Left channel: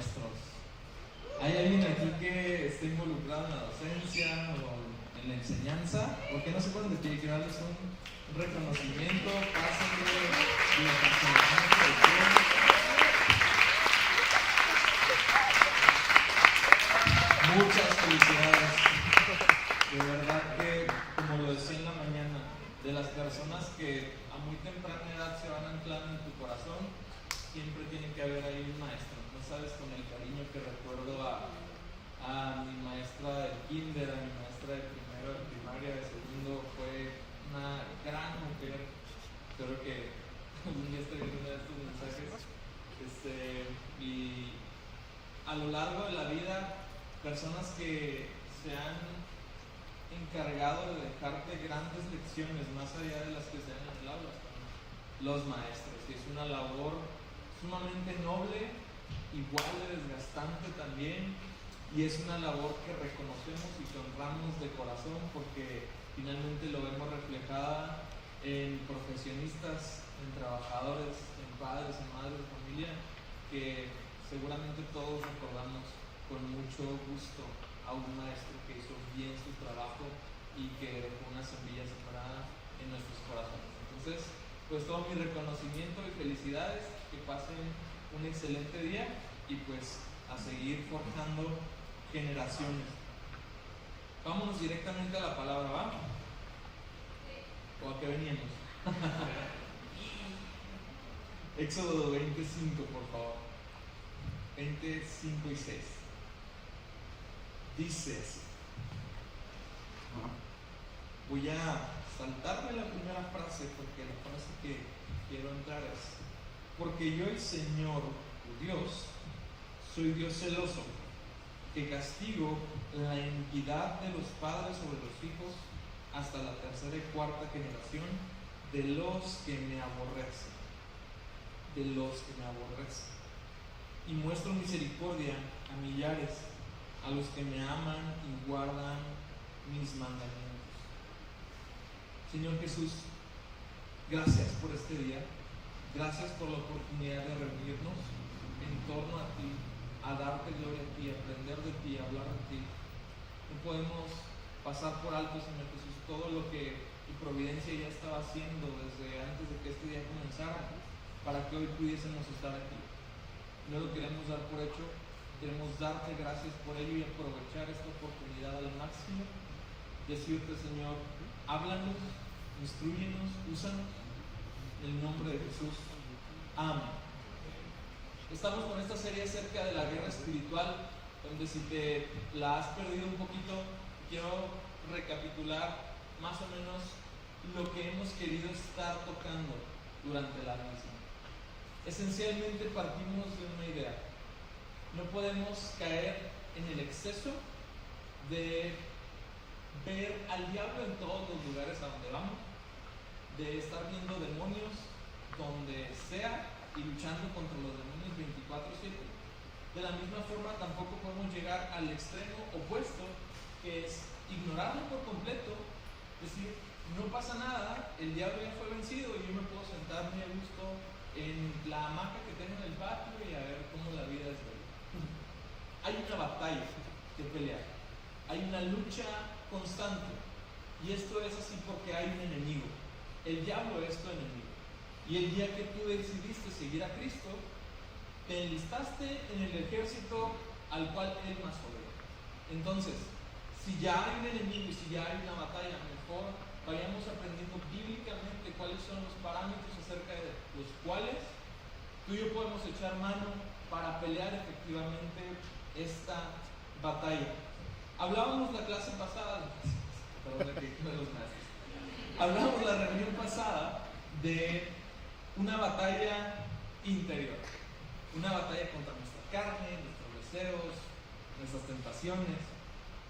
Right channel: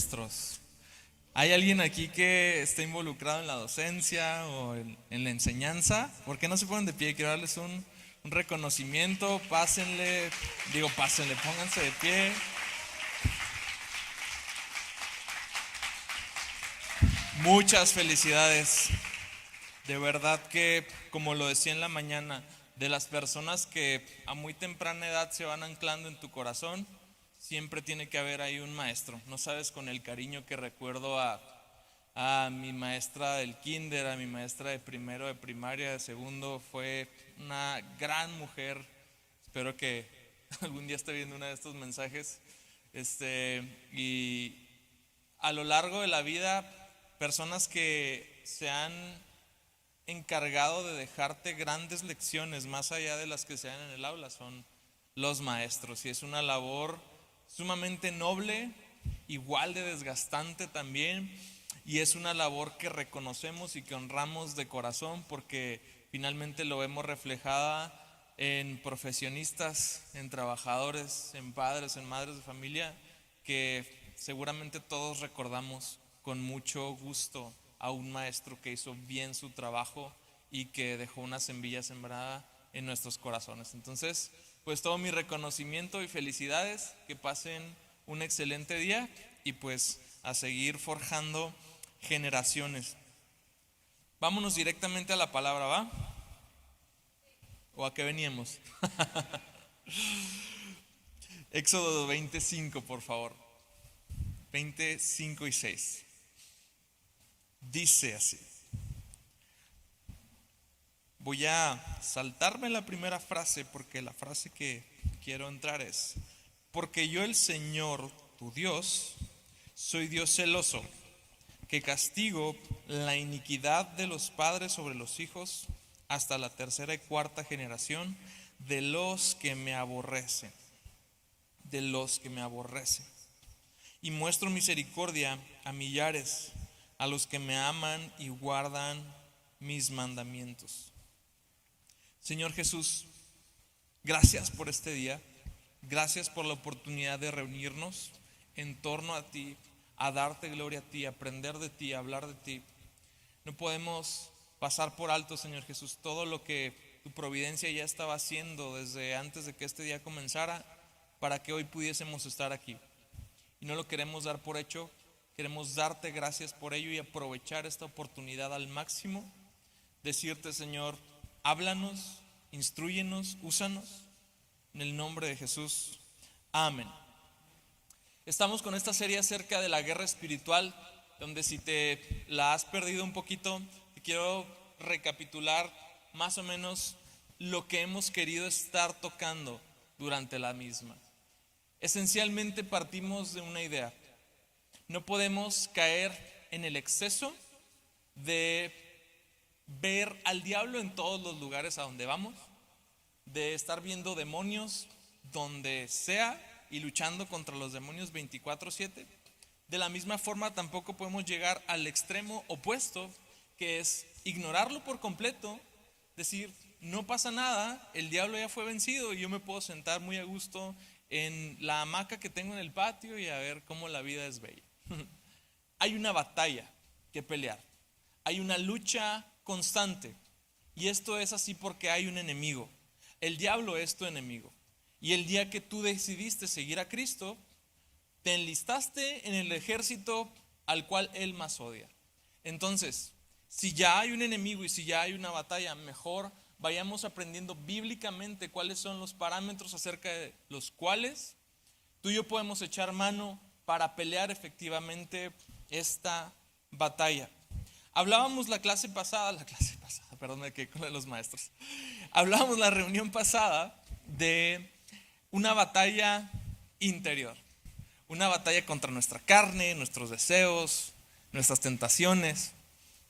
maestros. ¿Hay alguien aquí que esté involucrado en la docencia o en la enseñanza? ¿Por qué no se ponen de pie? Quiero darles un reconocimiento. Pásenle, pónganse de pie. Muchas felicidades. De verdad que, como lo decía en la mañana, de las personas que a muy temprana edad se van anclando en tu corazón, siempre tiene que haber ahí un maestro. No sabes con el cariño que recuerdo a mi maestra del kinder, a mi maestra de primero de primaria, de segundo. Fue una gran mujer. Espero que algún día esté viendo uno de estos mensajes. Y a lo largo de la vida, personas que se han encargado de dejarte grandes lecciones más allá de las que se dan en el aula son los maestros, y es una labor sumamente noble, igual de desgastante también, y es una labor que reconocemos y que honramos de corazón, porque finalmente lo vemos reflejada en profesionistas, en trabajadores, en padres, en madres de familia, que seguramente todos recordamos con mucho gusto a un maestro que hizo bien su trabajo y que dejó una semilla sembrada en nuestros corazones. Entonces, pues todo mi reconocimiento y felicidades, que pasen un excelente día y pues a seguir forjando generaciones. Vámonos directamente a la palabra, ¿va? ¿O a qué veníamos? Éxodo 25, por favor. 25 y 6. Dice así. Voy a saltarme la primera frase porque la frase que quiero entrar es: porque yo, el Señor, tu Dios, soy Dios celoso, que castigo la iniquidad de los padres sobre los hijos hasta la tercera y cuarta generación de los que me aborrecen. De los que me aborrecen. Y muestro misericordia a millares, a los que me aman y guardan mis mandamientos. Señor Jesús, gracias por este día. Gracias por la oportunidad de reunirnos en torno a ti, a darte gloria a ti, a aprender de ti, a hablar de ti. No podemos pasar por alto, Señor Jesús, todo lo que tu providencia ya estaba haciendo desde antes de que este día comenzara, para que hoy pudiésemos estar aquí. Y no lo queremos dar por hecho. Queremos darte gracias por ello y aprovechar esta oportunidad al máximo. Decirte, Señor, háblanos, instrúyenos, úsanos. En el nombre de Jesús. Amén. Estamos con esta serie acerca de la guerra espiritual, donde si te la has perdido un poquito, quiero recapitular más o menos lo que hemos querido estar tocando durante la misma. Esencialmente partimos de una idea. No podemos caer en el exceso de ver al diablo en todos los lugares a donde vamos, de estar viendo demonios donde sea y luchando contra los demonios 24/7. De la misma forma, tampoco podemos llegar al extremo opuesto, que es ignorarlo por completo, decir, no pasa nada, el diablo ya fue vencido y yo me puedo sentar muy a gusto en la hamaca que tengo en el patio y a ver cómo la vida es bella. Hay una batalla que pelear, hay una lucha constante, y esto es así porque hay un enemigo. El diablo es tu enemigo, y el día que tú decidiste seguir a Cristo, te enlistaste en el ejército al cual él más odia. Entonces, si ya hay un enemigo y si ya hay una batalla, mejor vayamos aprendiendo bíblicamente cuáles son los parámetros acerca de los cuales tú y yo podemos echar mano para pelear efectivamente esta batalla. Hablábamos la clase pasada, de los maestros. Hablábamos la reunión pasada de una batalla interior, una batalla contra nuestra carne, nuestros deseos, nuestras tentaciones,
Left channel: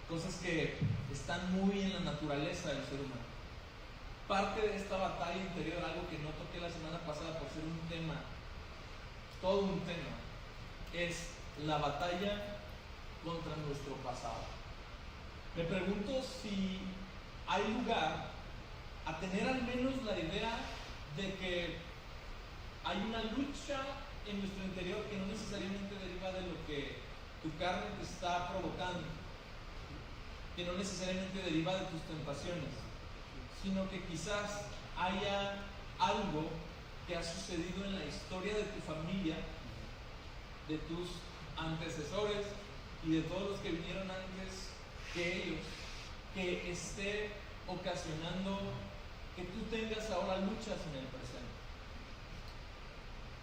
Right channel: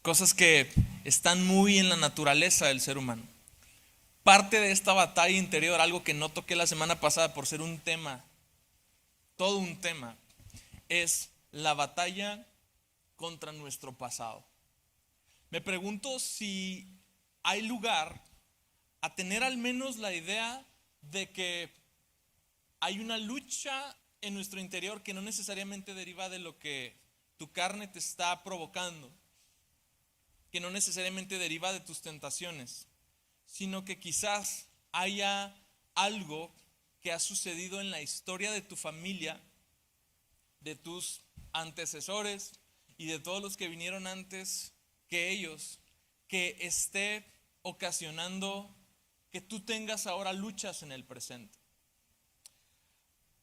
cosas que están muy en la naturaleza del ser humano. Parte de esta batalla interior, algo que no toqué la semana pasada por ser un tema, todo un tema, es la batalla contra nuestro pasado. Me pregunto si hay lugar a tener al menos la idea de que hay una lucha en nuestro interior que no necesariamente deriva de lo que tu carne te está provocando, que no necesariamente deriva de tus tentaciones, sino que quizás haya algo que ha sucedido en la historia de tu familia, de tus antecesores y de todos los que vinieron antes que ellos, que esté ocasionando que tú tengas ahora luchas en el presente.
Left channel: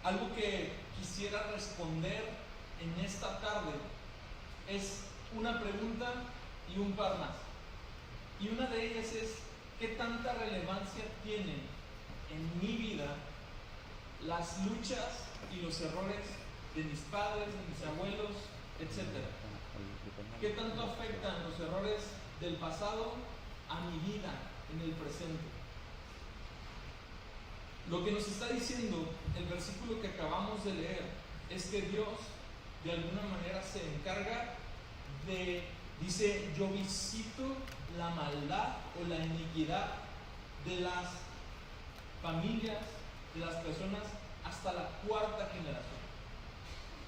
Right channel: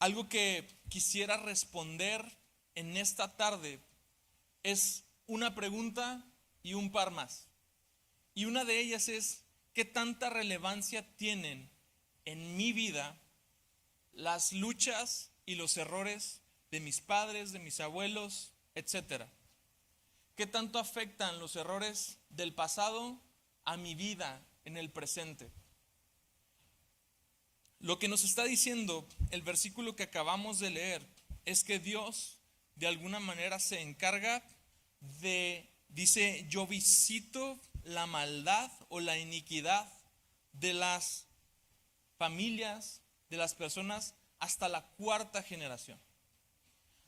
Algo que quisiera responder en esta tarde es una pregunta y un par más. Y una de ellas es: ¿qué tanta relevancia tienen en mi vida las luchas y los errores de mis padres, de mis abuelos, etcétera? ¿Qué tanto afectan los errores del pasado a mi vida en el presente? Lo que nos está diciendo el versículo que acabamos de leer es que Dios de alguna manera se encarga dice, yo visito la maldad o la iniquidad de las familias, de las personas hasta la cuarta generación.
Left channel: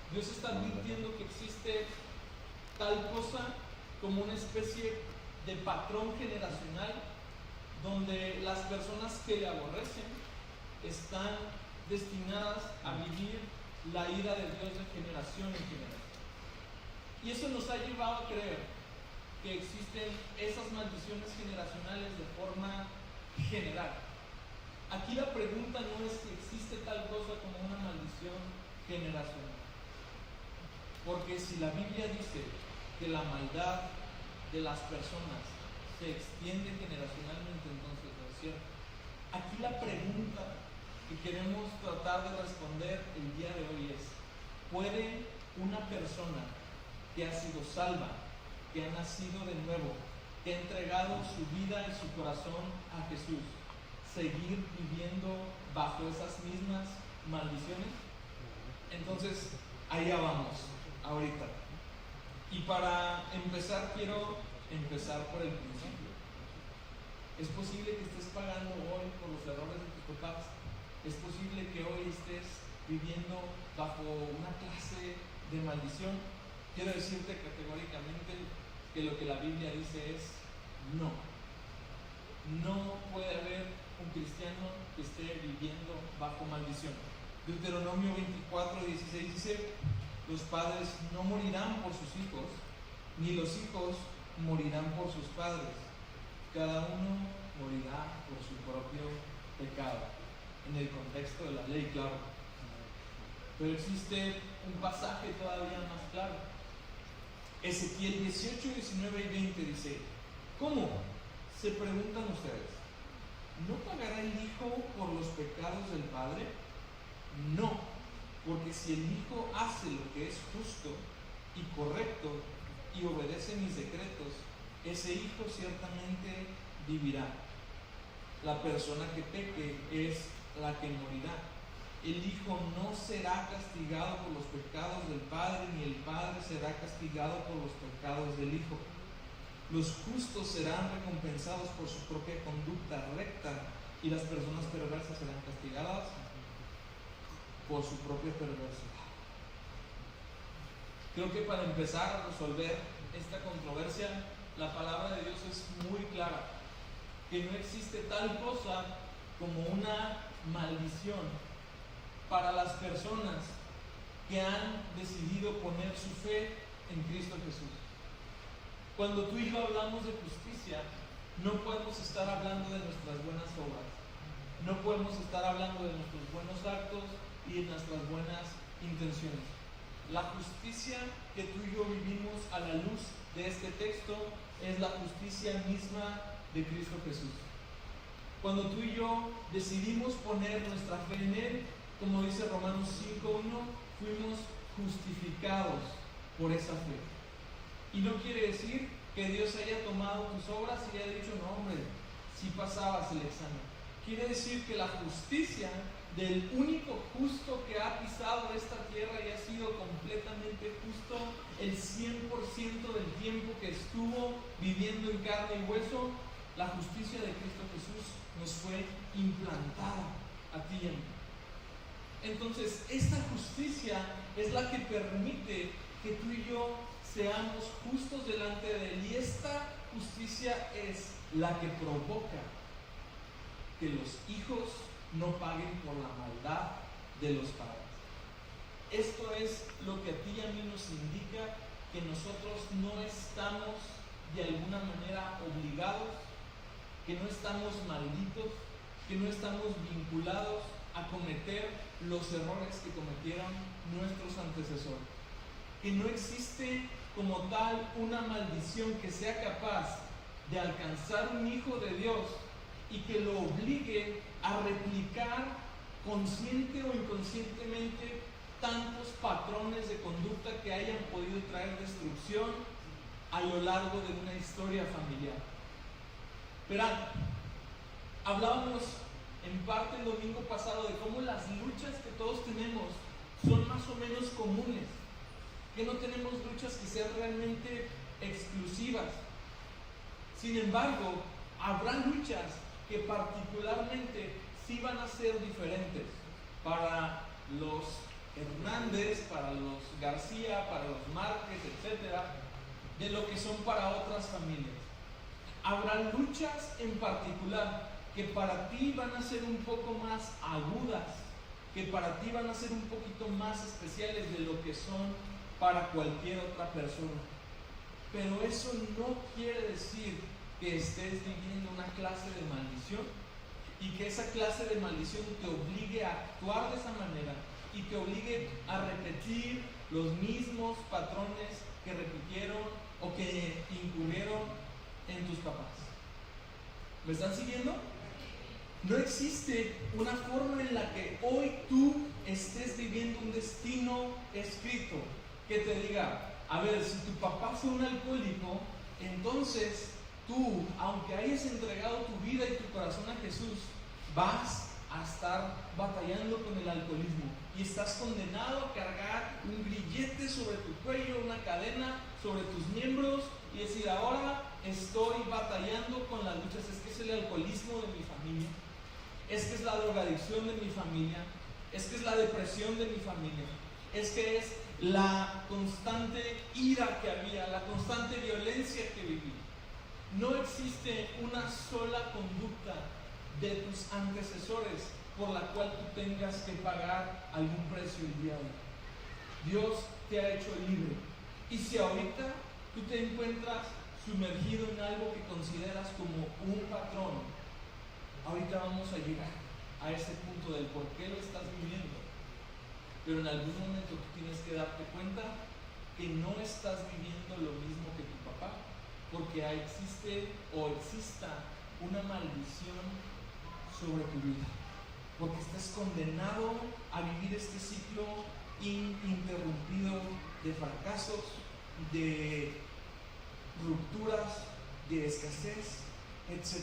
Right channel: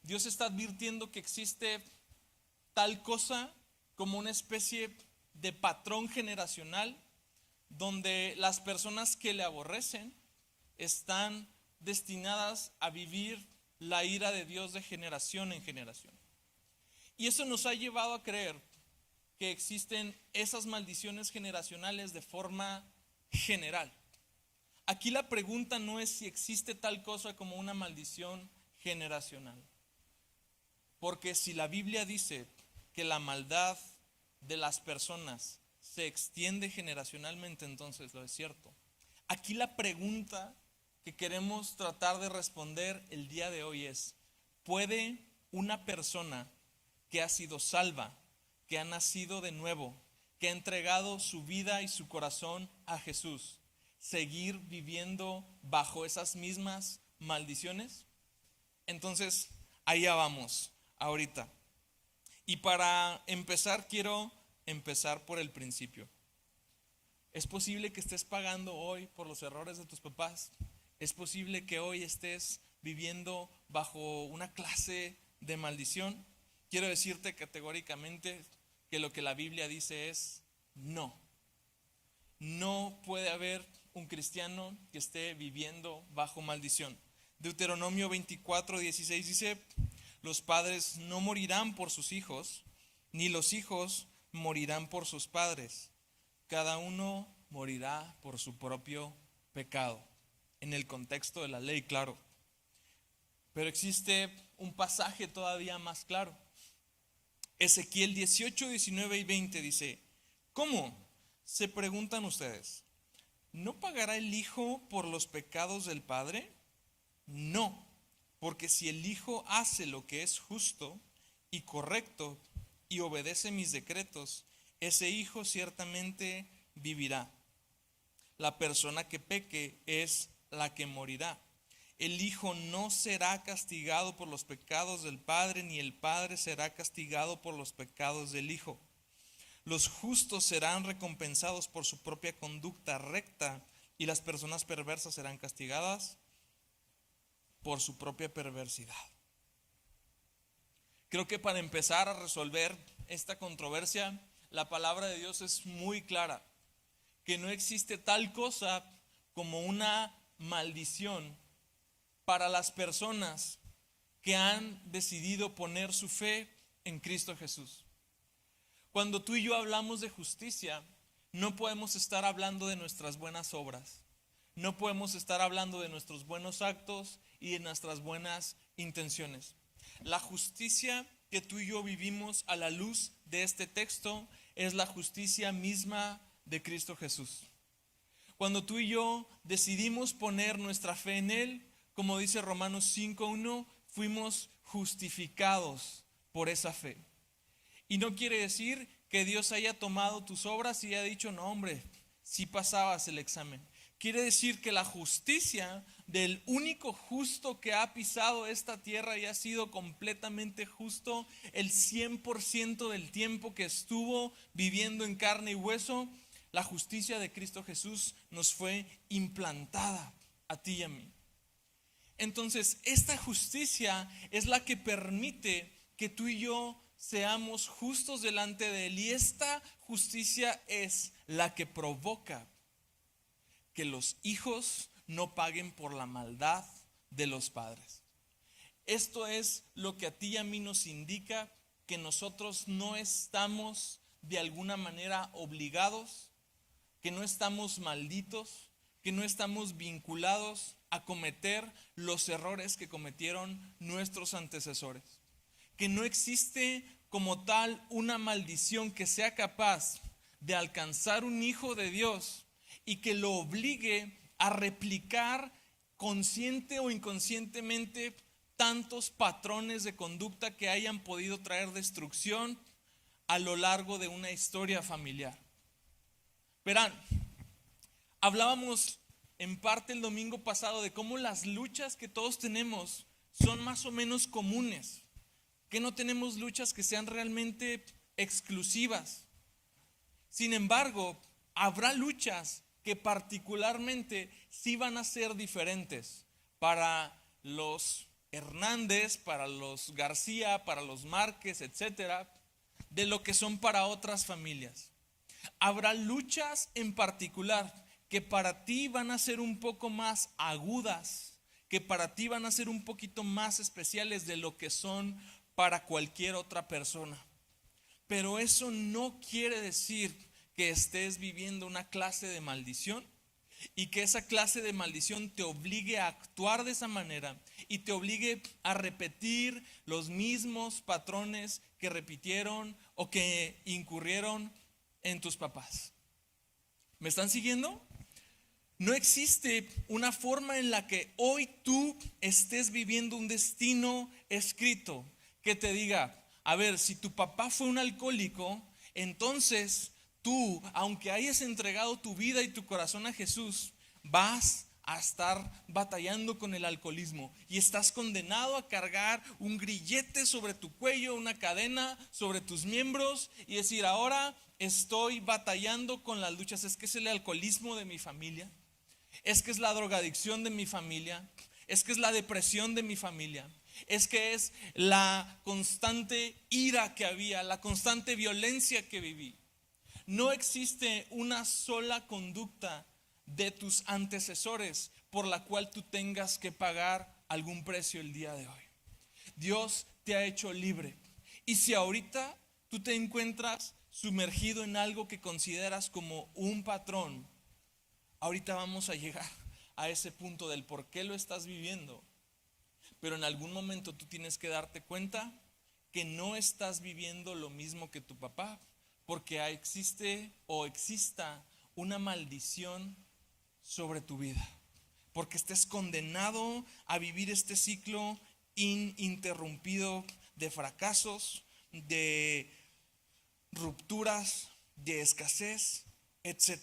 Dios está advirtiendo que existe tal cosa como una especie de patrón generacional donde las personas que le aborrecen están destinadas a vivir la ira de Dios de generación en generación. Y eso nos ha llevado a creer que existen esas maldiciones generacionales de forma general. Aquí la pregunta no es si existe tal cosa como una maldición generacional. Porque si la Biblia dice que la maldad de las personas se extiende generacionalmente, entonces lo es cierto. Aquí la pregunta que queremos tratar de responder el día de hoy es: ¿puede una persona que ha sido salva, que ha nacido de nuevo, que ha entregado su vida y su corazón a Jesús, seguir viviendo bajo esas mismas maldiciones? Entonces, allá vamos, ahorita. Y para empezar, quiero empezar por el principio. Es posible que estés pagando hoy por los errores de tus papás. Es posible que hoy estés viviendo bajo una clase de maldición. Quiero decirte categóricamente que lo que la Biblia dice es no. No puede haber un cristiano que esté viviendo bajo maldición. Deuteronomio 24:16 dice: los padres no morirán por sus hijos, ni los hijos morirán por sus padres. Cada uno morirá por su propio pecado. En el contexto de la ley, claro. Pero existe un pasaje todavía más claro. Ezequiel 18, 19 y 20 dice: ¿cómo? Se preguntan ustedes. ¿No pagará el hijo por los pecados del padre? No, porque si el hijo hace lo que es justo y correcto y obedece mis decretos, ese hijo ciertamente vivirá. La persona que peque es la que morirá. El hijo no será castigado por los pecados del padre, ni el padre será castigado por los pecados del hijo. Los justos serán recompensados por su propia conducta recta, y las personas perversas serán castigadas por su propia perversidad. Creo que para empezar a resolver esta controversia, la palabra de Dios es muy clara, que no existe tal cosa como una maldición para las personas que han decidido poner su fe en Cristo Jesús. Cuando tú y yo hablamos de justicia, no podemos estar hablando de nuestras buenas obras, no podemos estar hablando de nuestros buenos actos y de nuestras buenas intenciones. La justicia que tú y yo vivimos a la luz de este texto es la justicia misma de Cristo Jesús. Cuando tú y yo decidimos poner nuestra fe en Él, como dice Romanos 5:1, fuimos justificados por esa fe. Y no quiere decir que Dios haya tomado tus obras y haya dicho: no, hombre, sí pasabas el examen. Quiere decir que la justicia del único justo que ha pisado esta tierra y ha sido completamente justo el 100% del tiempo que estuvo viviendo en carne y hueso, la justicia de Cristo Jesús nos fue implantada a ti y a mí. Entonces, esta justicia es la que permite que tú y yo seamos justos delante de Él. Y esta justicia es la que provoca que los hijos no paguen por la maldad de los padres. Esto es lo que a ti y a mí nos indica que nosotros no estamos de alguna manera obligados, que no estamos malditos, que no estamos vinculados a cometer los errores que cometieron nuestros antecesores. Que no existe como tal una maldición que sea capaz de alcanzar un hijo de Dios y que lo obligue a replicar consciente o inconscientemente tantos patrones de conducta que hayan podido traer destrucción a lo largo de una historia familiar. Verán, hablábamos en parte el domingo pasado de cómo las luchas que todos tenemos son más o menos comunes, que no tenemos luchas que sean realmente exclusivas. Sin embargo, habrá luchas que particularmente sí van a ser diferentes para los Hernández, para los García, para los Márquez, etcétera, de lo que son para otras familias. Habrá luchas en particular que para ti van a ser un poco más agudas, que para ti van a ser un poquito más especiales de lo que son para cualquier otra persona. Pero eso no quiere decir que estés viviendo una clase de maldición y que esa clase de maldición te obligue a actuar de esa manera y te obligue a repetir los mismos patrones que repitieron o que incurrieron en tus papás. ¿Me están siguiendo? No existe una forma en la que hoy tú estés viviendo un destino escrito que te diga, a ver, si tu papá fue un alcohólico, entonces tú, aunque hayas entregado tu vida y tu corazón a Jesús, vas a estar batallando con el alcoholismo y estás condenado a cargar un grillete sobre tu cuello, una cadena sobre tus miembros y decir, ahora estoy batallando con las luchas. Es que es el alcoholismo de mi familia, es que es la drogadicción de mi familia, es que es la depresión de mi familia, es que es la constante ira que había, la constante violencia que viví. No existe una sola conducta de tus antecesores por la cual tú tengas que pagar algún precio el día de hoy. Dios te ha hecho libre. Y si ahorita tú te encuentras sumergido en algo que consideras como un patrón, ahorita vamos a llegar a ese punto del por qué lo estás viviendo. Pero en algún momento tú tienes que darte cuenta que no estás viviendo lo mismo que tu papá, porque existe o exista una maldición sobre tu vida, porque estés condenado a vivir este ciclo ininterrumpido de fracasos, de rupturas, de escasez, etc.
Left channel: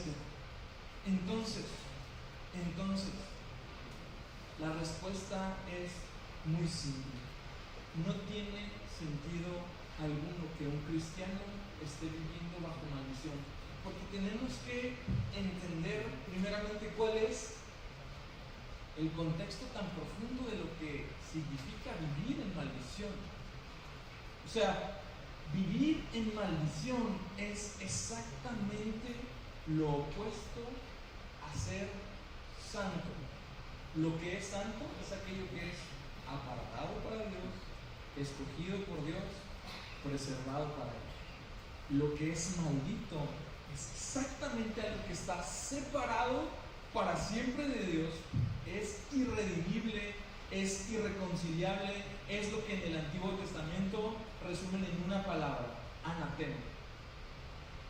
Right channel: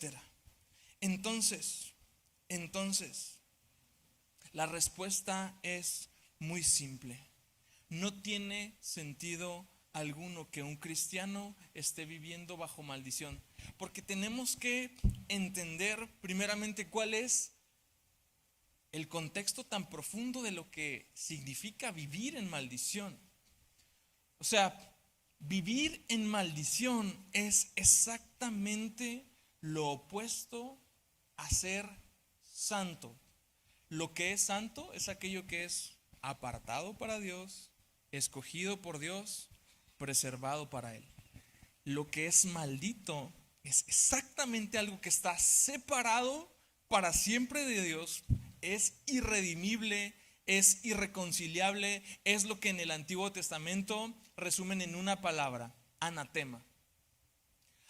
Entonces, la respuesta es muy simple. No tiene sentido alguno que un cristiano esté viviendo bajo maldición, porque tenemos que entender primeramente cuál es el contexto tan profundo de lo que significa vivir en maldición. O sea, vivir en maldición es exactamente lo opuesto a ser santo. Lo que es santo es aquello que es apartado para Dios, escogido por Dios, preservado para Él. Lo que es maldito es exactamente algo que está separado para siempre de Dios, es irredimible, es irreconciliable, es lo que en el Antiguo Testamento resumen en una palabra: anatema.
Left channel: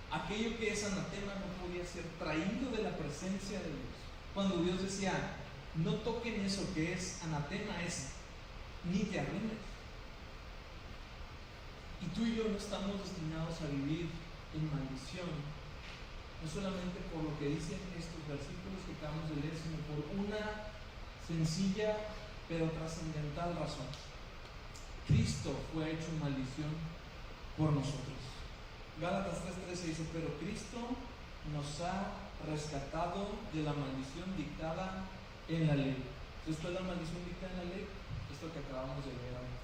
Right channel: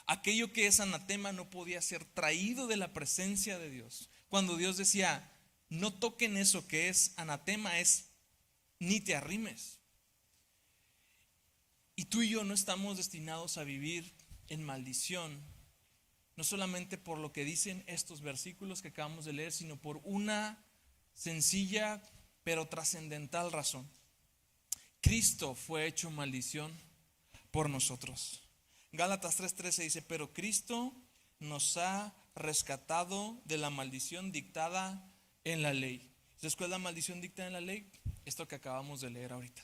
Aquello que es anatema no podía ser traído de la presencia de Dios. Cuando Dios decía, no toquen eso que es anatema, es ni te arrimes. Y tú y yo no estamos destinados a vivir en maldición, no solamente por lo que dicen estos versículos que acabamos de leer, sino por una sencilla pero trascendental razón. Cristo fue hecho maldición por nosotros. Gálatas 3:13 dice, pero Cristo nos ha rescatado de la maldición dictada en la ley, Después la maldición dictada en la ley, esto que acabamos de leer ahorita.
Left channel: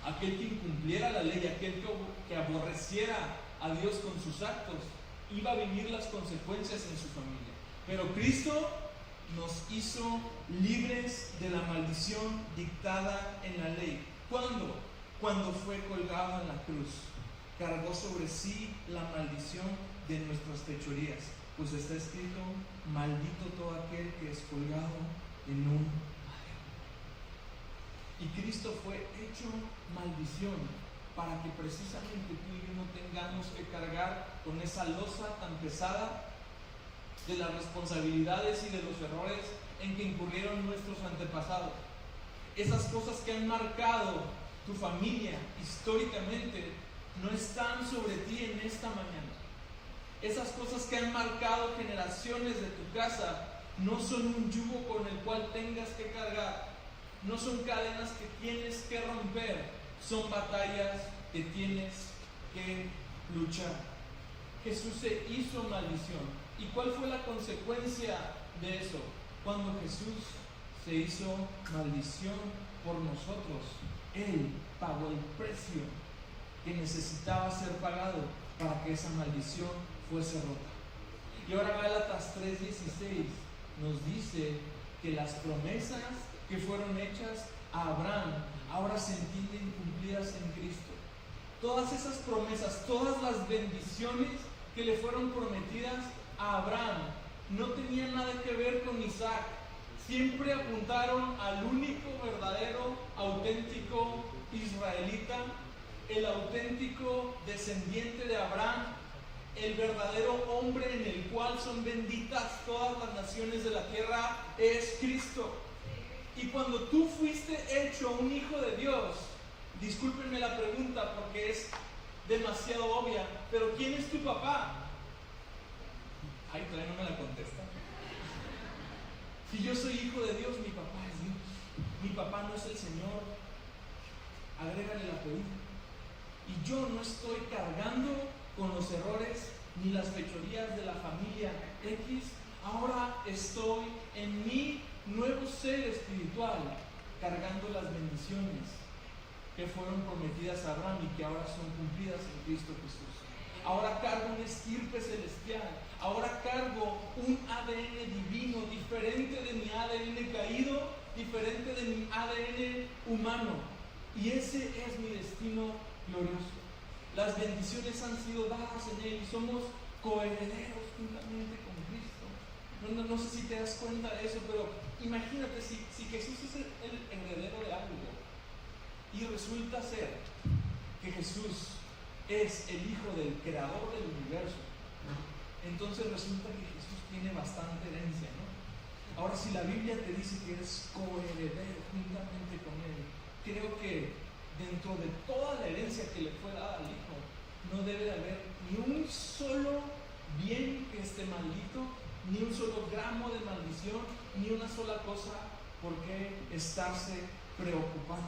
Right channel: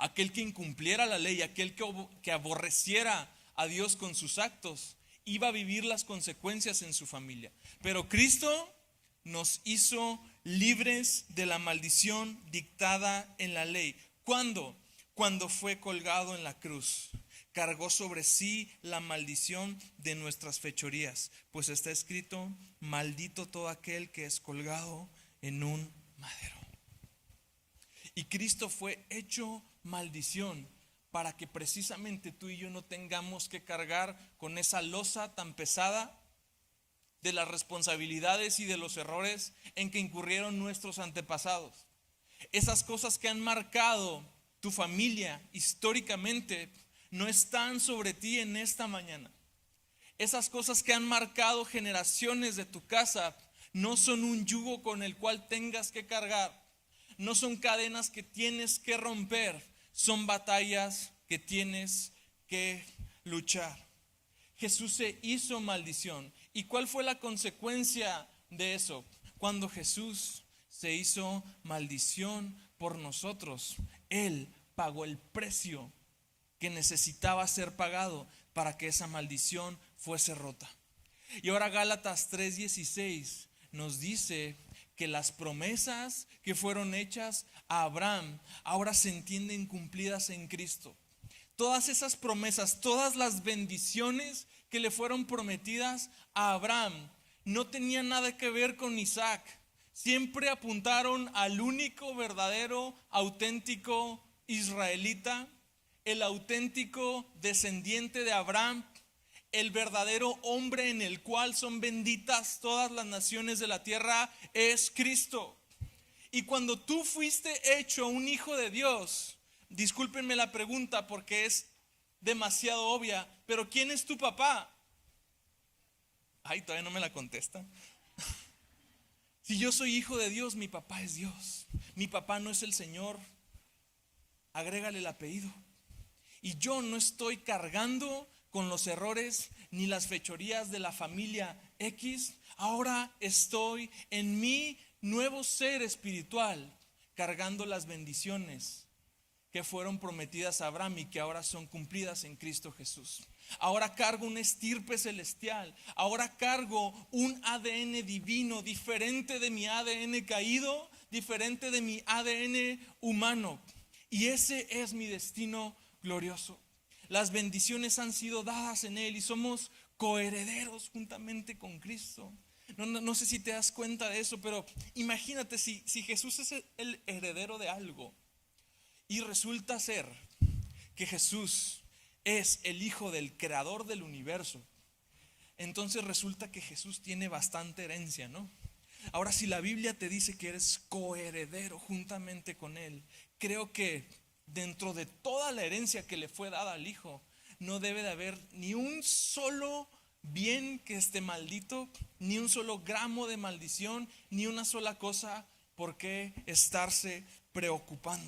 Aquel que incumpliera la ley, aquel que aborreciera a Dios con sus actos, iba a vivir las consecuencias en su familia. Pero Cristo nos hizo libres de la maldición dictada en la ley. ¿Cuándo? Cuando fue colgado en la cruz. Cargó sobre sí la maldición de nuestras fechorías, pues está escrito: maldito todo aquel que es colgado en un madero. Y Cristo fue hecho maldición para que precisamente tú y yo no tengamos que cargar con esa losa tan pesada de las responsabilidades y de los errores en que incurrieron nuestros antepasados. Esas cosas que han marcado tu familia históricamente no están sobre ti en esta mañana. Esas cosas que han marcado generaciones de tu casa no son un yugo con el cual tengas que cargar, no son cadenas que tienes que romper, son batallas que tienes que luchar. Jesús se hizo maldición. ¿Y cuál fue la consecuencia de eso? Cuando Jesús se hizo maldición por nosotros, Él pagó el precio que necesitaba ser pagado para que esa maldición fuese rota. Y ahora Gálatas 3:16 nos dice que las promesas que fueron hechas a Abraham ahora se entienden cumplidas en Cristo. Todas esas promesas, todas las bendiciones que le fueron prometidas a Abraham no tenían nada que ver con Isaac. Siempre apuntaron al único, verdadero, auténtico israelita, el auténtico descendiente de Abraham, el verdadero hombre en el cual son benditas todas las naciones de la tierra, es Cristo. Y cuando tú fuiste hecho un hijo de Dios, discúlpenme la pregunta porque es demasiado obvia, pero ¿quién es tu papá? Ay, todavía no me la contesta. Si yo soy hijo de Dios, mi papá es Dios. Mi papá no es el Señor. Agrégale el apellido. Y yo no estoy cargando con los errores ni las fechorías de la familia X. Ahora estoy en mi nuevo ser espiritual, cargando las bendiciones que fueron prometidas a Abraham y que ahora son cumplidas en Cristo Jesús. Ahora cargo una estirpe celestial. Ahora cargo un ADN divino, diferente de mi ADN caído, diferente de mi ADN humano. Y ese es mi destino glorioso. Las bendiciones han sido dadas en Él y somos coherederos juntamente con Cristo. No sé si te das cuenta de eso, pero imagínate si Jesús es el heredero de algo y resulta ser que Jesús es el hijo del creador del universo. Entonces resulta que Jesús tiene bastante herencia, ¿no? Ahora, si la Biblia te dice que eres coheredero juntamente con Él, creo que dentro de toda la herencia que le fue dada al Hijo, no debe de haber ni un solo bien que esté maldito, ni un solo gramo de maldición, ni una sola cosa por qué estarse preocupando.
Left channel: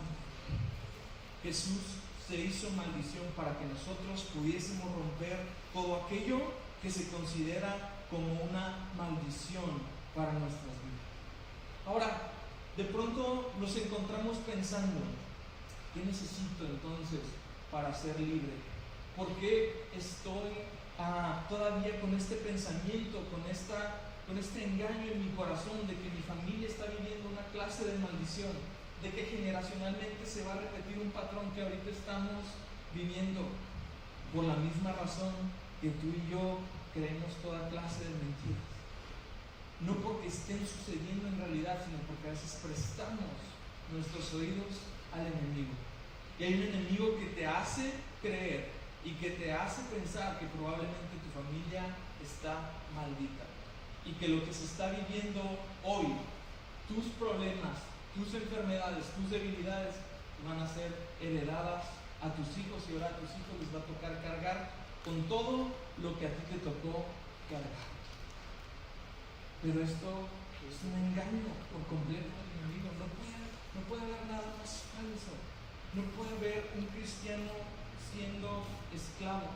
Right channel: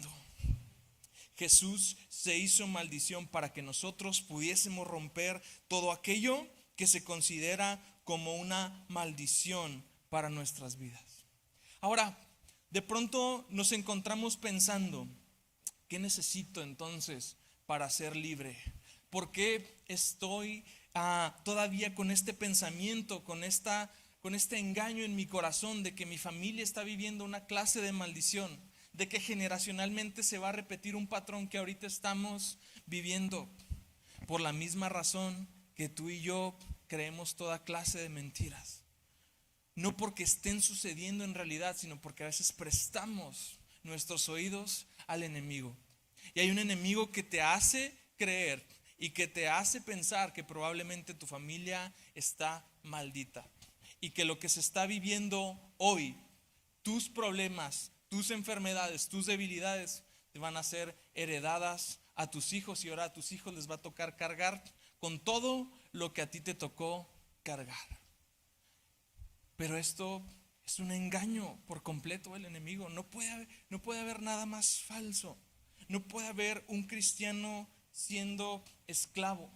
Jesús se hizo maldición para que nosotros pudiésemos romper todo aquello que se considera como una maldición para nuestras vidas. Ahora, de pronto nos encontramos pensando, ¿qué necesito entonces para ser libre? ¿Por qué estoy todavía con este pensamiento, con este engaño en mi corazón de que mi familia está viviendo una clase de maldición, de que generacionalmente se va a repetir un patrón que ahorita estamos viviendo? Por la misma razón que tú y yo creemos toda clase de mentiras. No porque estén sucediendo en realidad, sino porque a veces prestamos nuestros oídos al enemigo. Y hay un enemigo que te hace creer y que te hace pensar que probablemente tu familia está maldita y que lo que se está viviendo hoy, tus problemas, tus enfermedades, tus debilidades, van a ser heredadas a tus hijos y ahora a tus hijos les va a tocar cargar con todo lo que a ti te tocó cargar. Pero esto es un engaño por completo del enemigo. No puede haber nada más falso. No puede haber un cristiano siendo esclavo.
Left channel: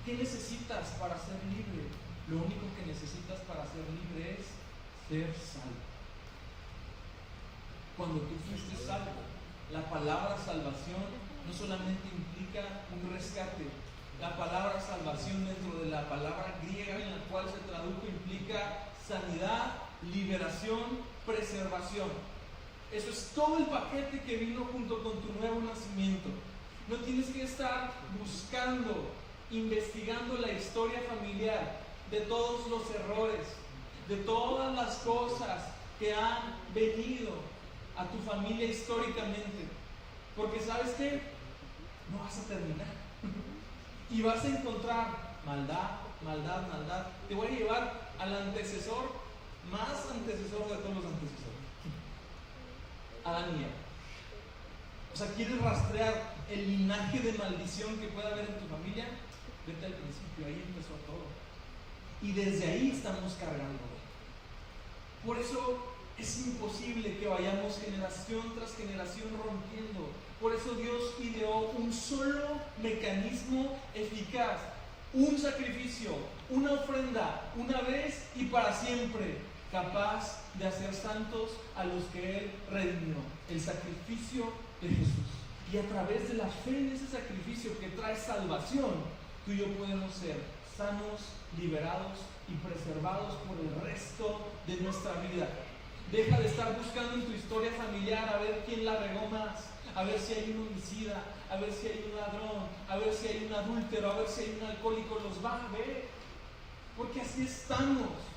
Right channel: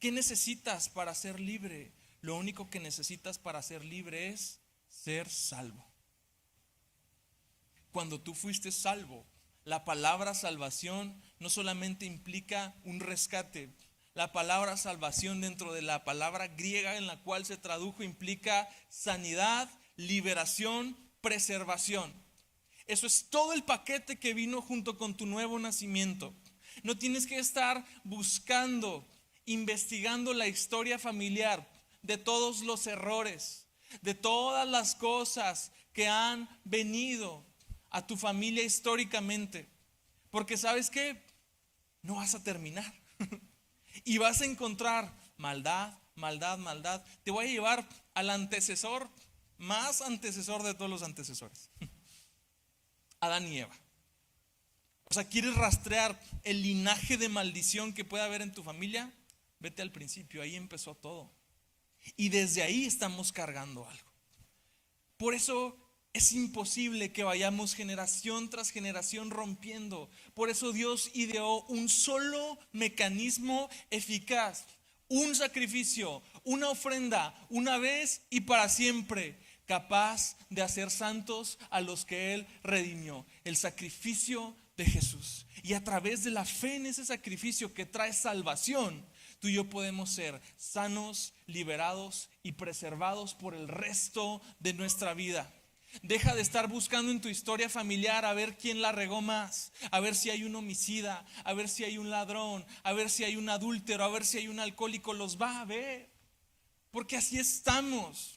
¿Qué necesitas para ser libre? Lo único que necesitas para ser libre es ser salvo. cuando tú fuiste salvo. La palabra salvación no solamente implica un rescate. La palabra salvación, dentro de la palabra griega en la cual se tradujo, implica sanidad, liberación, preservación. Eso es todo el paquete que vino junto con tu nuevo nacimiento. No tienes que estar buscando, investigando la historia familiar de todos los errores, de todas las cosas que han venido a tu familia históricamente. Porque ¿sabes qué? No vas a terminar. Y vas a encontrar maldad, maldad, maldad. Te voy a llevar al antecesor, más antecesor de todos los antecesores. Adán y Eva. O sea, ¿quieres rastrear el linaje de maldición que puede haber en tu familia? Vete al principio, ahí empezó todo. Y desde ahí estamos cargando hoy. Por eso es imposible que vayamos generación tras generación rompiendo. Por eso Dios ideó un solo mecanismo eficaz, un sacrificio, una ofrenda, una vez y para siempre, capaz de hacer santos a los que Él redimió, el sacrificio de Jesús. Y a través de la fe en ese sacrificio que trae salvación, tú y yo podemos ser sanos, liberados y preservados por el resto de nuestra vida. Deja de estar buscando en tu historia familiar a ver quién la regó más, a ver si hay un homicida, a ver si hay un ladrón, a ver si hay un adúltero, a ver si hay un alcohólico. Los va a ver, porque así estamos,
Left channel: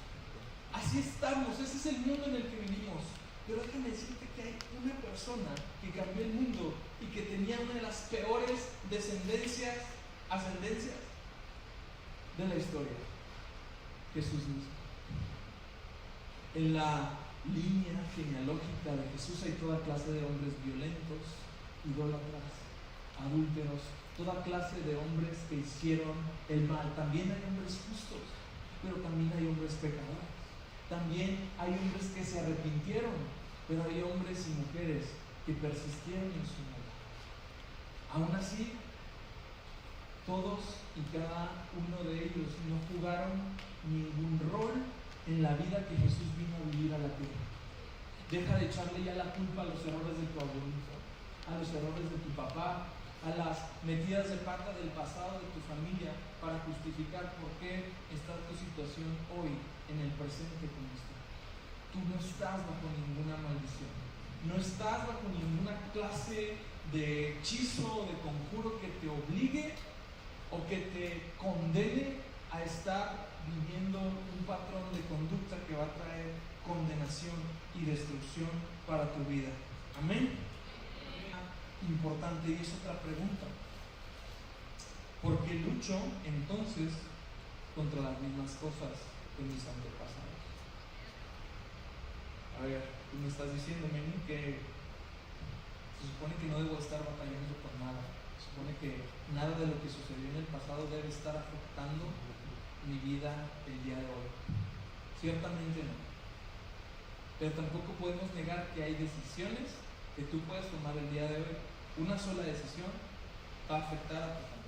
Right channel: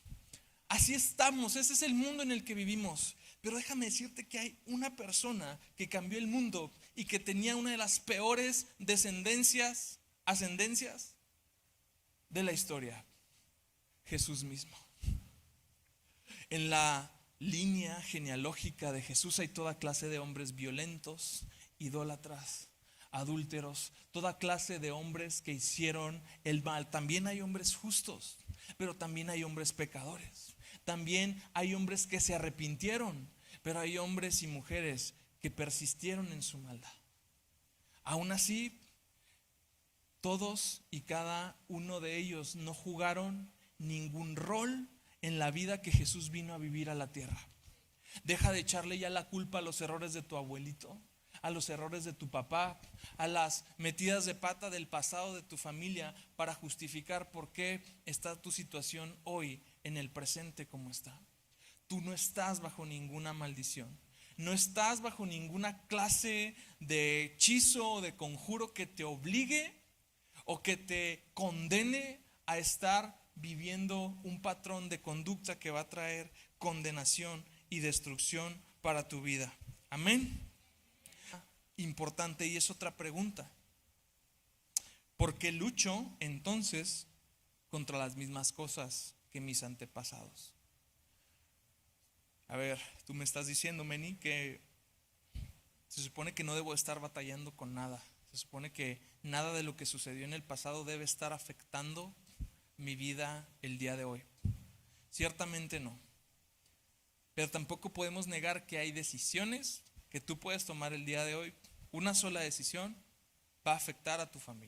ese es el mundo en el que vivimos. Pero déjame decirte que hay una persona que cambió el mundo y que tenía una de las peores ascendencias de la historia: Jesús mismo. En la línea genealógica de Jesús hay toda clase de hombres violentos, idólatras, adúlteros, toda clase de hombres que hicieron el mal. También hay hombres justos, pero también hay hombres pecadores. También hay hombres que se arrepintieron, pero hay hombres y mujeres que persistieron en su maldad. Aún así, todos y cada uno de ellos no jugaron ningún rol en la vida que Jesús vino a vivir a la tierra. Deja de echarle ya la culpa a los errores de tu abuelito, a los errores de tu papá, a las metidas de pata del pasado de tu familia para justificar por qué está tu situación hoy en el presente como está. Tú no estás bajo ninguna maldición, no estás bajo ninguna clase de hechizo o de conjuro que te obligue o que te condene a estar viviendo un patrón de conducta que va a traer condenación y destrucción para tu vida. Amén. Importante, y es otra pregunta: ¿por qué lucho entonces contra las mismas cosas que mis antepasados? A ver, tú me estás diciendo, Meni, que se supone que no debo estar batallando con nada. Se supone que nada de lo que sucedió en el pasado debe estar afectando mi vida el día de hoy. Ciertamente no. Pero tampoco podemos negar que hay decisiones que tú puedes tomar el día de hoy. Una sola decisión va a afectar a tu familia.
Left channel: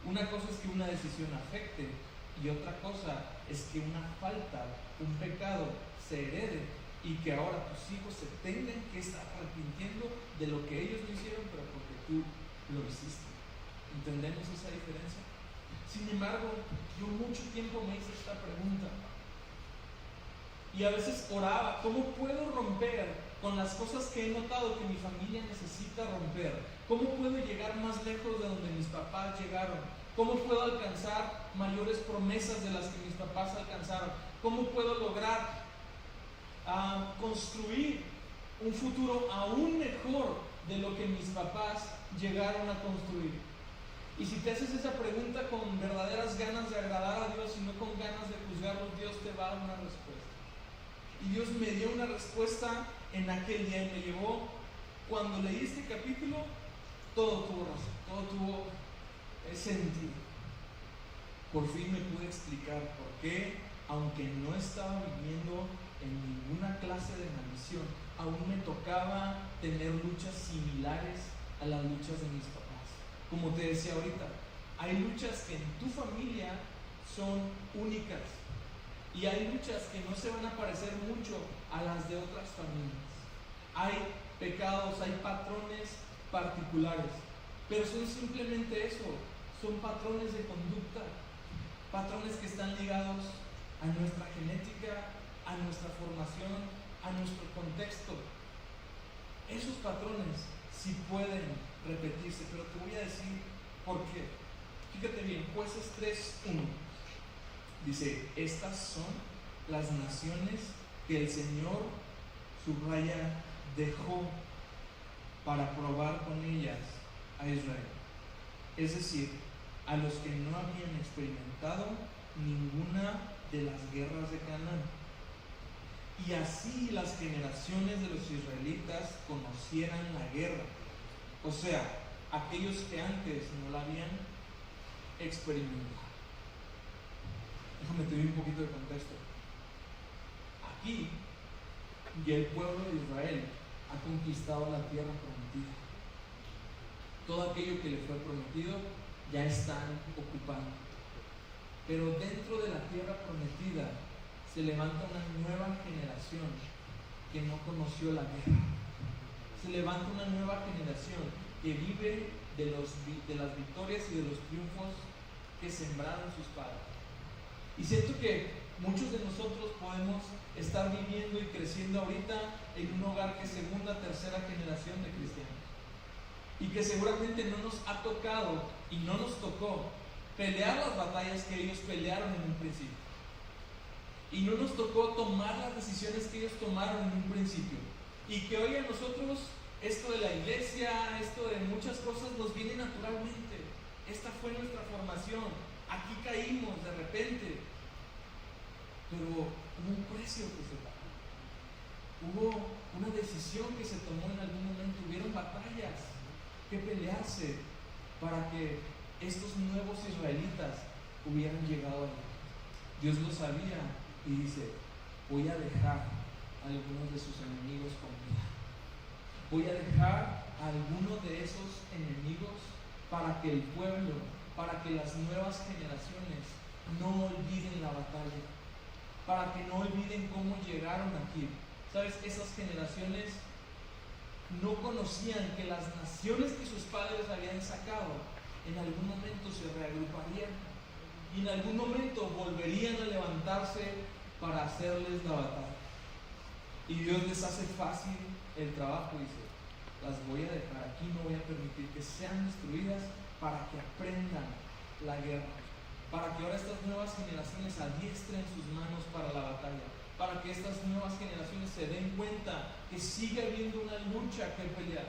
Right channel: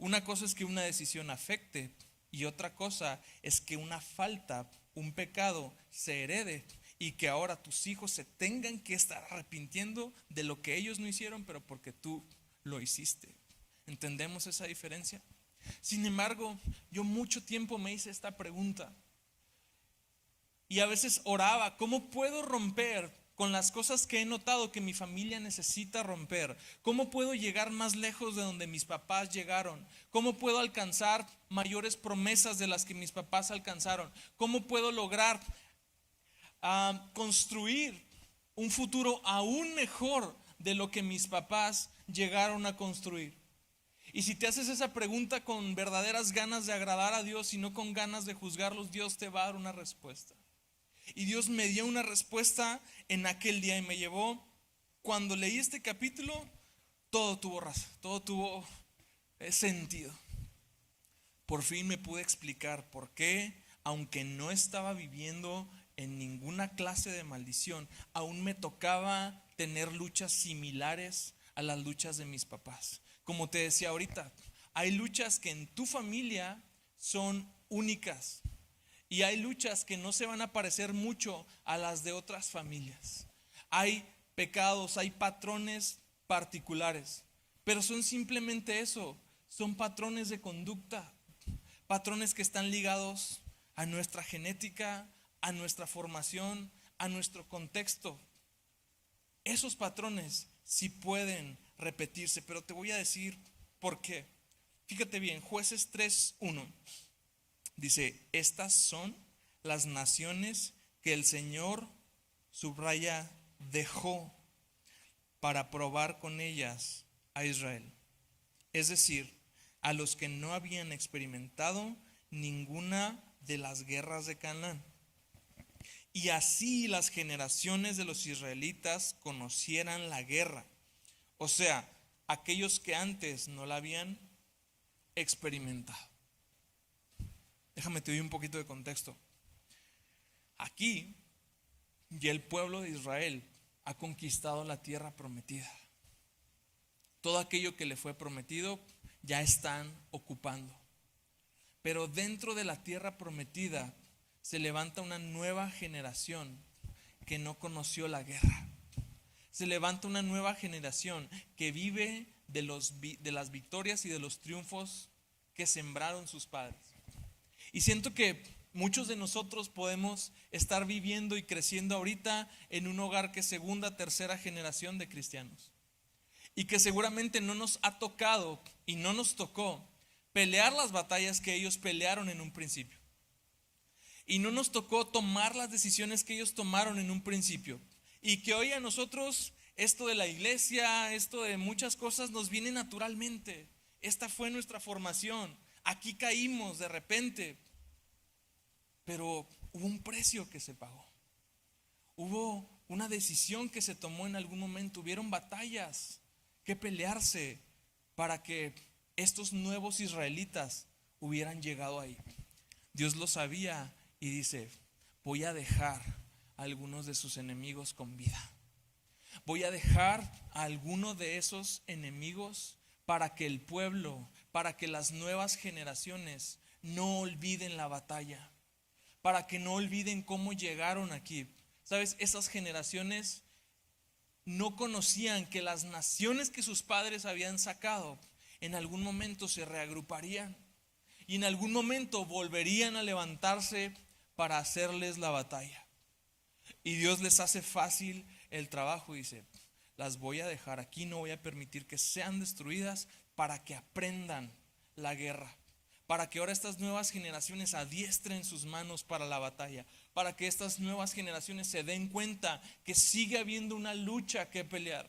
Una cosa es que una decisión afecte, y otra cosa es que una falta, un pecado se herede y que ahora tus hijos se tengan que estar arrepintiendo de lo que ellos no hicieron, pero porque tú lo hiciste. ¿Entendemos esa diferencia? Sin embargo, yo mucho tiempo me hice esta pregunta y a veces oraba: ¿cómo puedo romper con las cosas que he notado que mi familia necesita romper? ¿Cómo puedo llegar más lejos de donde mis papás llegaron? ¿Cómo puedo alcanzar mayores promesas de las que mis papás alcanzaron? ¿Cómo puedo lograr construir un futuro aún mejor de lo que mis papás llegaron a construir? Y si te haces esa pregunta con verdaderas ganas de agradar a Dios y no con ganas de juzgarlos, Dios te va a dar una respuesta. Y Dios me dio una respuesta en aquel día y me llevó, cuando leí este capítulo, todo tuvo razón, todo tuvo sentido. Por fin me pude explicar por qué, aunque no estaba viviendo en ninguna clase de maldición, aún me tocaba tener luchas similares a las luchas de mis papás. Como te decía ahorita, hay luchas que en tu familia son únicas y hay luchas que no se van a parecer mucho a las de otras familias. Hay pecados, hay patrones particulares, pero son simplemente eso, son patrones de conducta, patrones que están ligados a nuestra genética, a nuestra formación, a nuestro contexto. Esos patrones sí pueden repetirse, pero te voy a decir por qué. Fíjate bien, Jueces 3:1 dice: estas son las naciones que el Señor, subraya, dejó para probar con ellas a Israel. Es decir, a los que no habían experimentado ninguna de las guerras de Canaán. Y así las generaciones de los israelitas conocieran la guerra. O sea, aquellos que antes no la habían experimentado. Déjame te doy un poquito de contexto. Aquí y el pueblo de Israel ha conquistado la tierra prometida. Todo aquello que le fue prometido ya están ocupando. Pero dentro de la tierra prometida se levanta una nueva generación que no conoció la guerra. Se levanta una nueva generación que vive de las victorias y de los triunfos que sembraron sus padres. Y siento que muchos de nosotros podemos estar viviendo y creciendo ahorita en un hogar que es segunda, tercera generación de cristianos. Y que seguramente no nos ha tocado y no nos tocó pelear las batallas que ellos pelearon en un principio. Y no nos tocó tomar las decisiones que ellos tomaron en un principio. Y que hoy a nosotros esto de la iglesia, esto de muchas cosas nos viene naturalmente. Esta fue nuestra formación. Aquí caímos de repente. Pero hubo un precio que se pagó. Hubo una decisión que se tomó en algún momento. Hubieron batallas que pelearse para que estos nuevos israelitas hubieran llegado ahí. Dios lo sabía y dice: voy a dejar a algunos de sus enemigos con vida. Voy a dejar a algunos de esos enemigos para que el pueblo, para que las nuevas generaciones no olviden la batalla, para que no olviden cómo llegaron aquí. ¿Sabes? Esas generaciones no conocían que las naciones que sus padres habían sacado en algún momento se reagruparían y en algún momento volverían a levantarse para hacerles la batalla. Y Dios les hace fácil el trabajo. Dice: las voy a dejar aquí, no voy a permitir que sean destruidas, para que aprendan la guerra, para que ahora estas nuevas generaciones adiestren sus manos para la batalla, para que estas nuevas generaciones se den cuenta que sigue habiendo una lucha que pelear.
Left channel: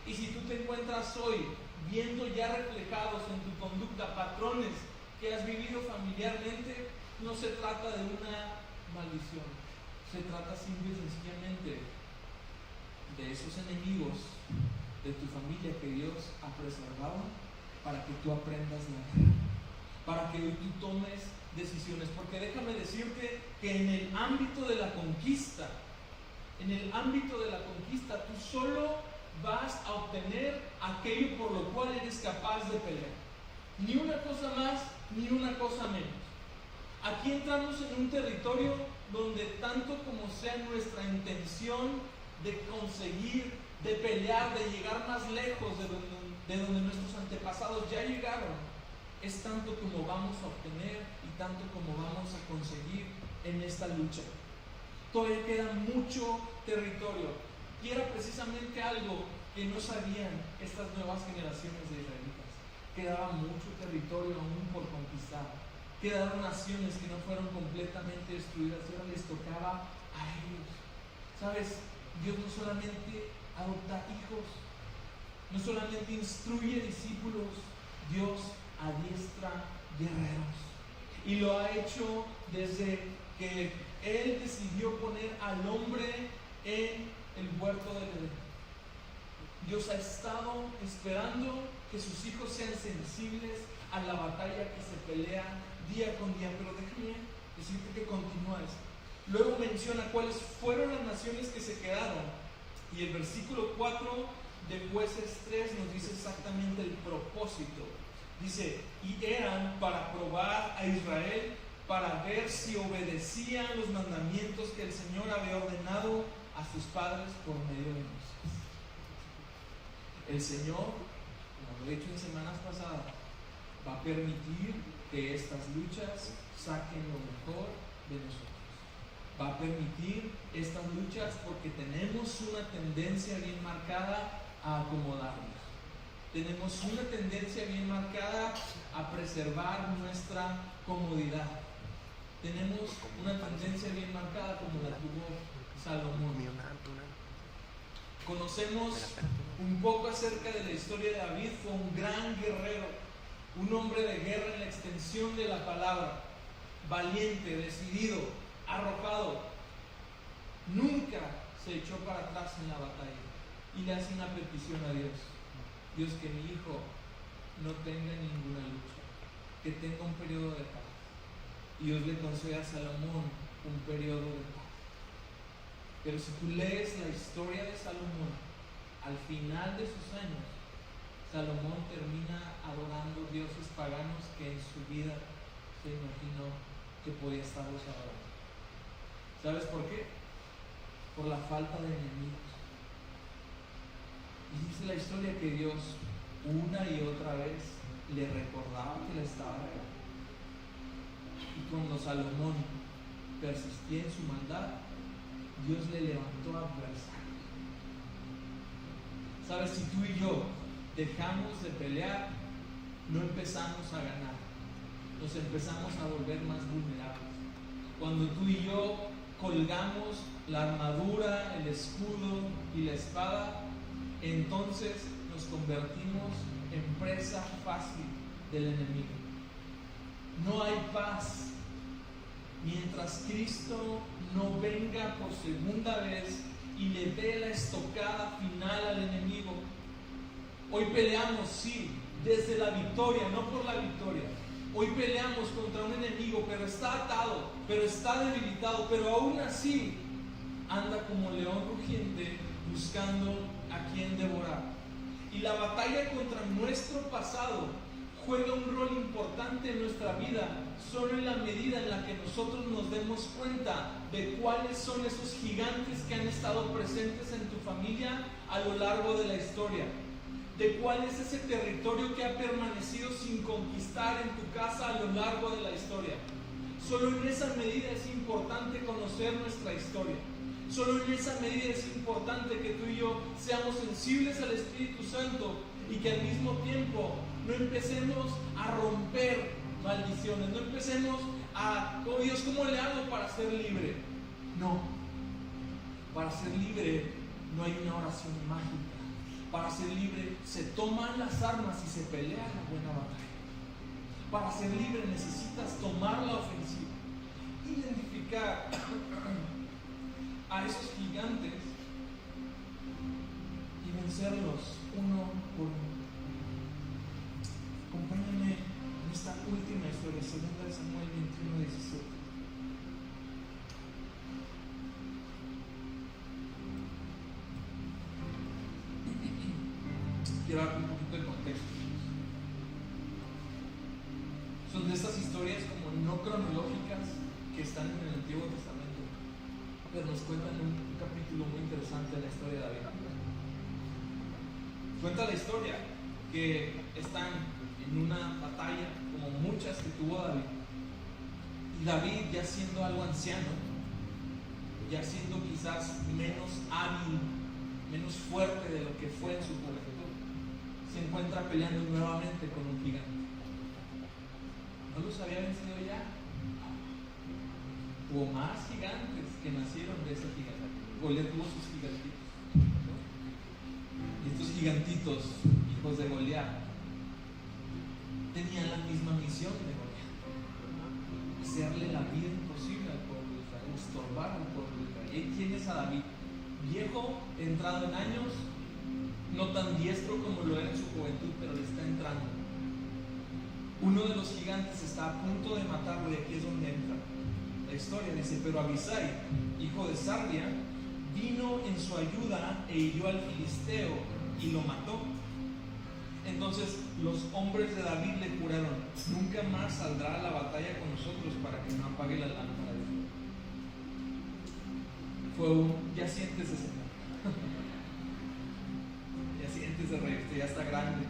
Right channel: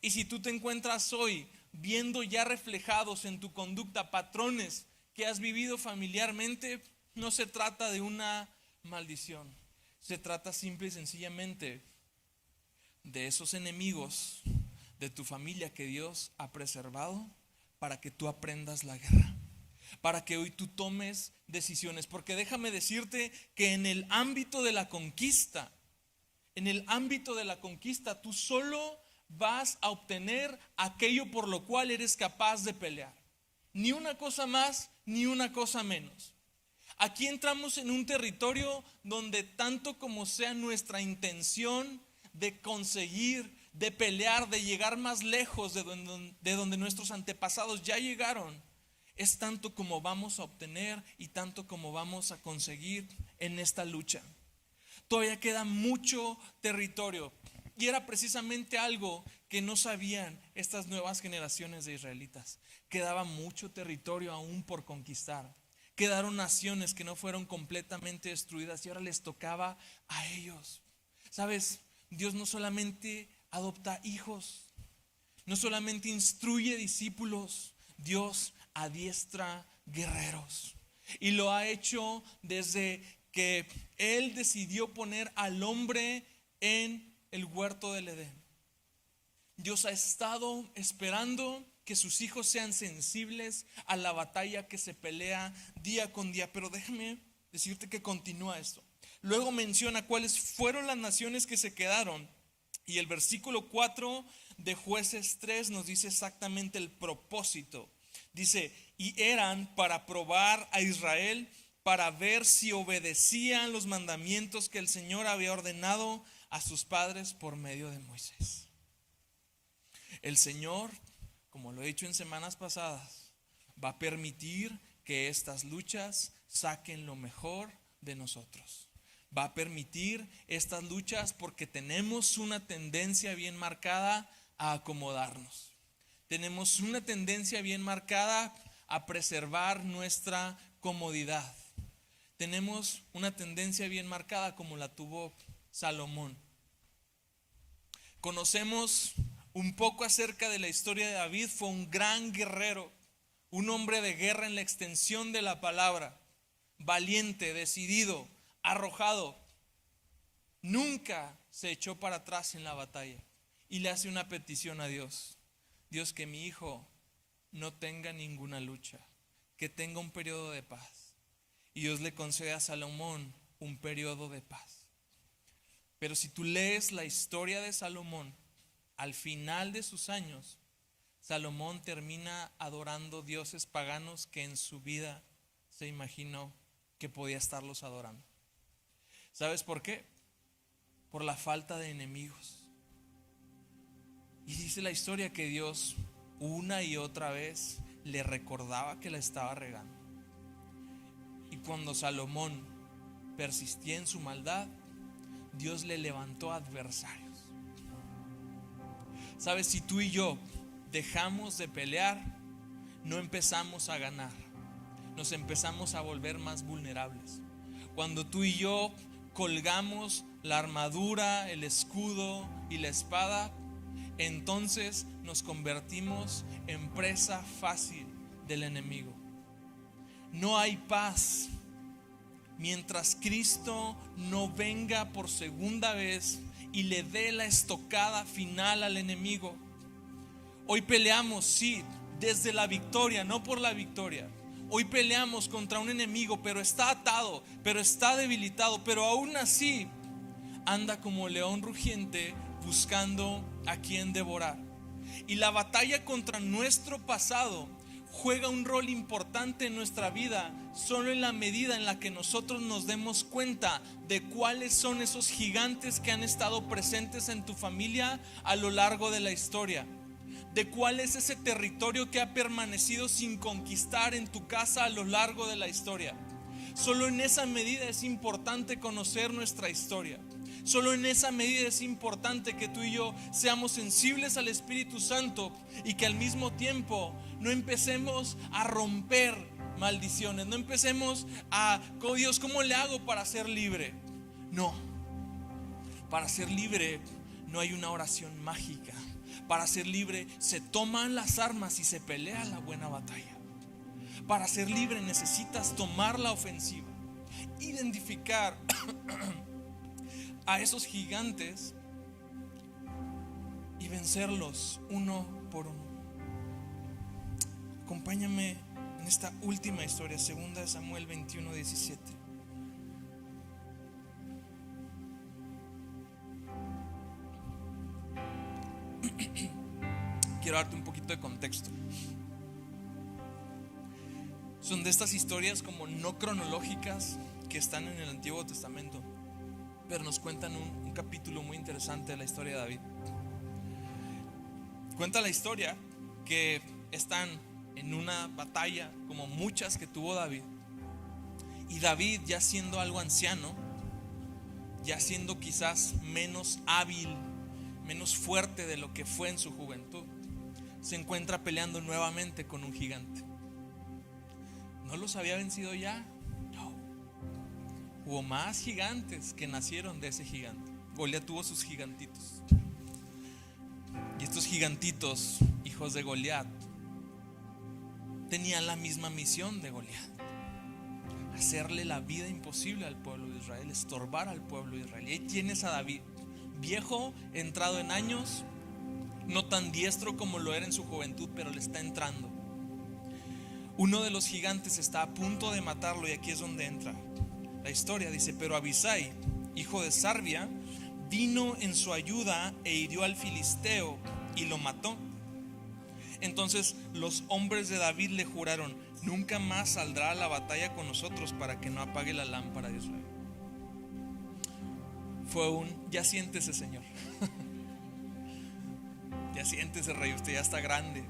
Y si tú te encuentras hoy viendo ya reflejados en tu conducta patrones que has vivido familiarmente, no se trata de una maldición, se trata simple y sencillamente de esos enemigos de tu familia que Dios ha preservado para que tú aprendas la guerra, para que hoy tú tomes decisiones. Porque déjame decirte que en el ámbito de la conquista, tú solo vas a obtener aquello por lo cual eres capaz de pelear. Ni una cosa más, ni una cosa menos. Aquí entramos en un territorio donde tanto como sea nuestra intención de conseguir, de pelear, de llegar más lejos de donde nuestros antepasados ya llegaron, es tanto como vamos a obtener y tanto como vamos a conseguir en esta lucha. Todavía queda mucho territorio, y era precisamente algo que no sabían estas nuevas generaciones de israelitas. Quedaba mucho territorio aún por conquistar. Quedaron naciones que no fueron completamente destruidas y ahora les tocaba a ellos. ¿Sabes? Dios no solamente adopta hijos, no solamente instruye discípulos, Dios adiestra guerreros. Y lo ha hecho desde que Él decidió poner al hombre en el huerto del Edén. Dios ha estado esperando que sus hijos sean sensibles a la batalla que se pelea día con día. Pero déjame decirte que continúa esto. Luego menciona cuáles fueron las naciones que se quedaron. Y el versículo 4 de Jueces 3 nos dice exactamente el propósito. Dice: y eran para probar a Israel, para ver si obedecían los mandamientos que el Señor había ordenado a sus padres por medio de Moisés. El Señor, como lo he dicho en semanas pasadas, va a permitir que estas luchas saquen lo mejor de nosotros. Va a permitir estas luchas porque tenemos una tendencia bien marcada a acomodarnos. Tenemos una tendencia bien marcada a preservar nuestra comodidad. Tenemos una tendencia bien marcada como la tuvo Salomón. Conocemos un poco acerca de la historia de David. Fue un gran guerrero, un hombre de guerra en la extensión de la palabra, valiente, decidido, arrojado. Nunca se echó para atrás en la batalla y le hace una petición a Dios: Dios, que mi hijo no tenga ninguna lucha, que tenga un periodo de paz. Y Dios le concede a Salomón un periodo de paz. Pero si tú lees la historia de Salomón, al final de sus años, Salomón termina adorando dioses paganos que en su vida se imaginó que podía estarlos adorando. ¿Sabes por qué? Por la falta de enemigos. Y dice la historia que Dios una y otra vez le recordaba que la estaba regando. Y cuando Salomón persistía en su maldad, Dios le levantó adversarios. ¿Sabes? Si tú y yo dejamos de pelear, no empezamos a ganar, nos empezamos a volver más vulnerables. Cuando tú y yo colgamos la armadura, el escudo y la espada, entonces nos convertimos en presa fácil del enemigo. No hay paz mientras Cristo no venga por segunda vez y le dé la estocada final al enemigo. Hoy peleamos, sí, desde la victoria, no por la victoria. Hoy peleamos contra un enemigo, pero está atado, pero está debilitado, pero aún así anda como león rugiente buscando a quien devorar. Y la batalla contra nuestro pasado juega un rol importante en nuestra vida solo en la medida en la que nosotros nos demos cuenta de cuáles son esos gigantes que han estado presentes en tu familia a lo largo de la historia, de cuál es ese territorio que ha permanecido sin conquistar en tu casa a lo largo de la historia. Solo en esa medida es importante conocer nuestra historia. Solo en esa medida es importante que tú y yo seamos sensibles al Espíritu Santo y que al mismo tiempo no empecemos a romper maldiciones, no empecemos a, oh Dios, ¿cómo le hago para ser libre? No, para ser libre no hay una oración mágica. Para ser libre se toman las armas y se pelea la buena batalla. Para ser libre necesitas tomar la ofensiva, identificar a esos gigantes y vencerlos uno por uno. Acompáñame en esta última historia, 2 Samuel 21:17. Quiero darte un poquito de contexto. Son de estas historias como no cronológicas que están en el Antiguo Testamento, pero nos cuentan un capítulo muy interesante de la historia de David. Cuenta la historia que están en una batalla como muchas que tuvo David, y David, ya siendo algo anciano, ya siendo quizás menos hábil, menos fuerte de lo que fue en su juventud, se encuentra peleando nuevamente con un gigante. ¿No los había vencido ya? No. Hubo más gigantes que nacieron de ese gigante. Goliat tuvo sus gigantitos. Y estos gigantitos, hijos de Goliat, tenían la misma misión de Goliat: hacerle la vida imposible al pueblo de Israel, estorbar al pueblo de Israel. Y ahí tienes a David, viejo, entrado en años, no tan diestro como lo era en su juventud, pero le está entrando. Uno de los gigantes está a punto de matarlo, y aquí es donde entra la historia. Dice: pero Abisai, hijo de Sarbia, vino en su ayuda e hirió al filisteo y lo mató. Entonces los hombres de David le juraron: nunca más saldrá a la batalla con nosotros, para que no apague la lámpara de su. fue ya siéntese, señor. Ya siéntese, rey, usted ya está grande.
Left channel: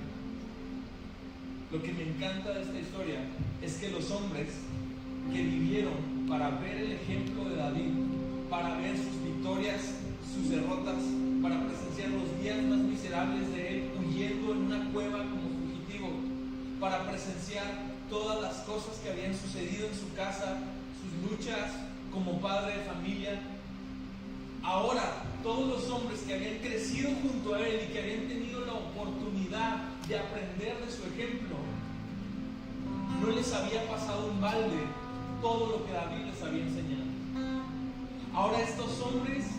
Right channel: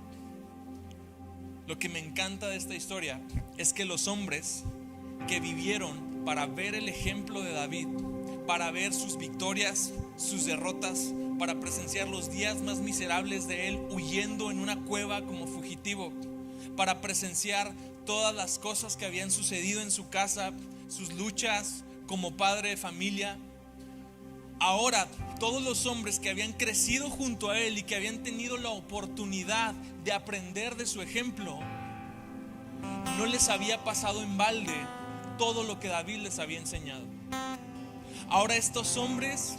Lo que me encanta de esta historia es que los hombres que vivieron para ver el ejemplo de David, para ver sus victorias, sus derrotas, para presenciar los días más miserables de él huyendo en una cueva como fugitivo, para presenciar todas las cosas que habían sucedido en su casa, sus luchas como padre de familia. Ahora, todos los hombres que habían crecido junto a él y que habían tenido la oportunidad de aprender de su ejemplo, no les había pasado en balde todo lo que David les había enseñado. Ahora estos hombres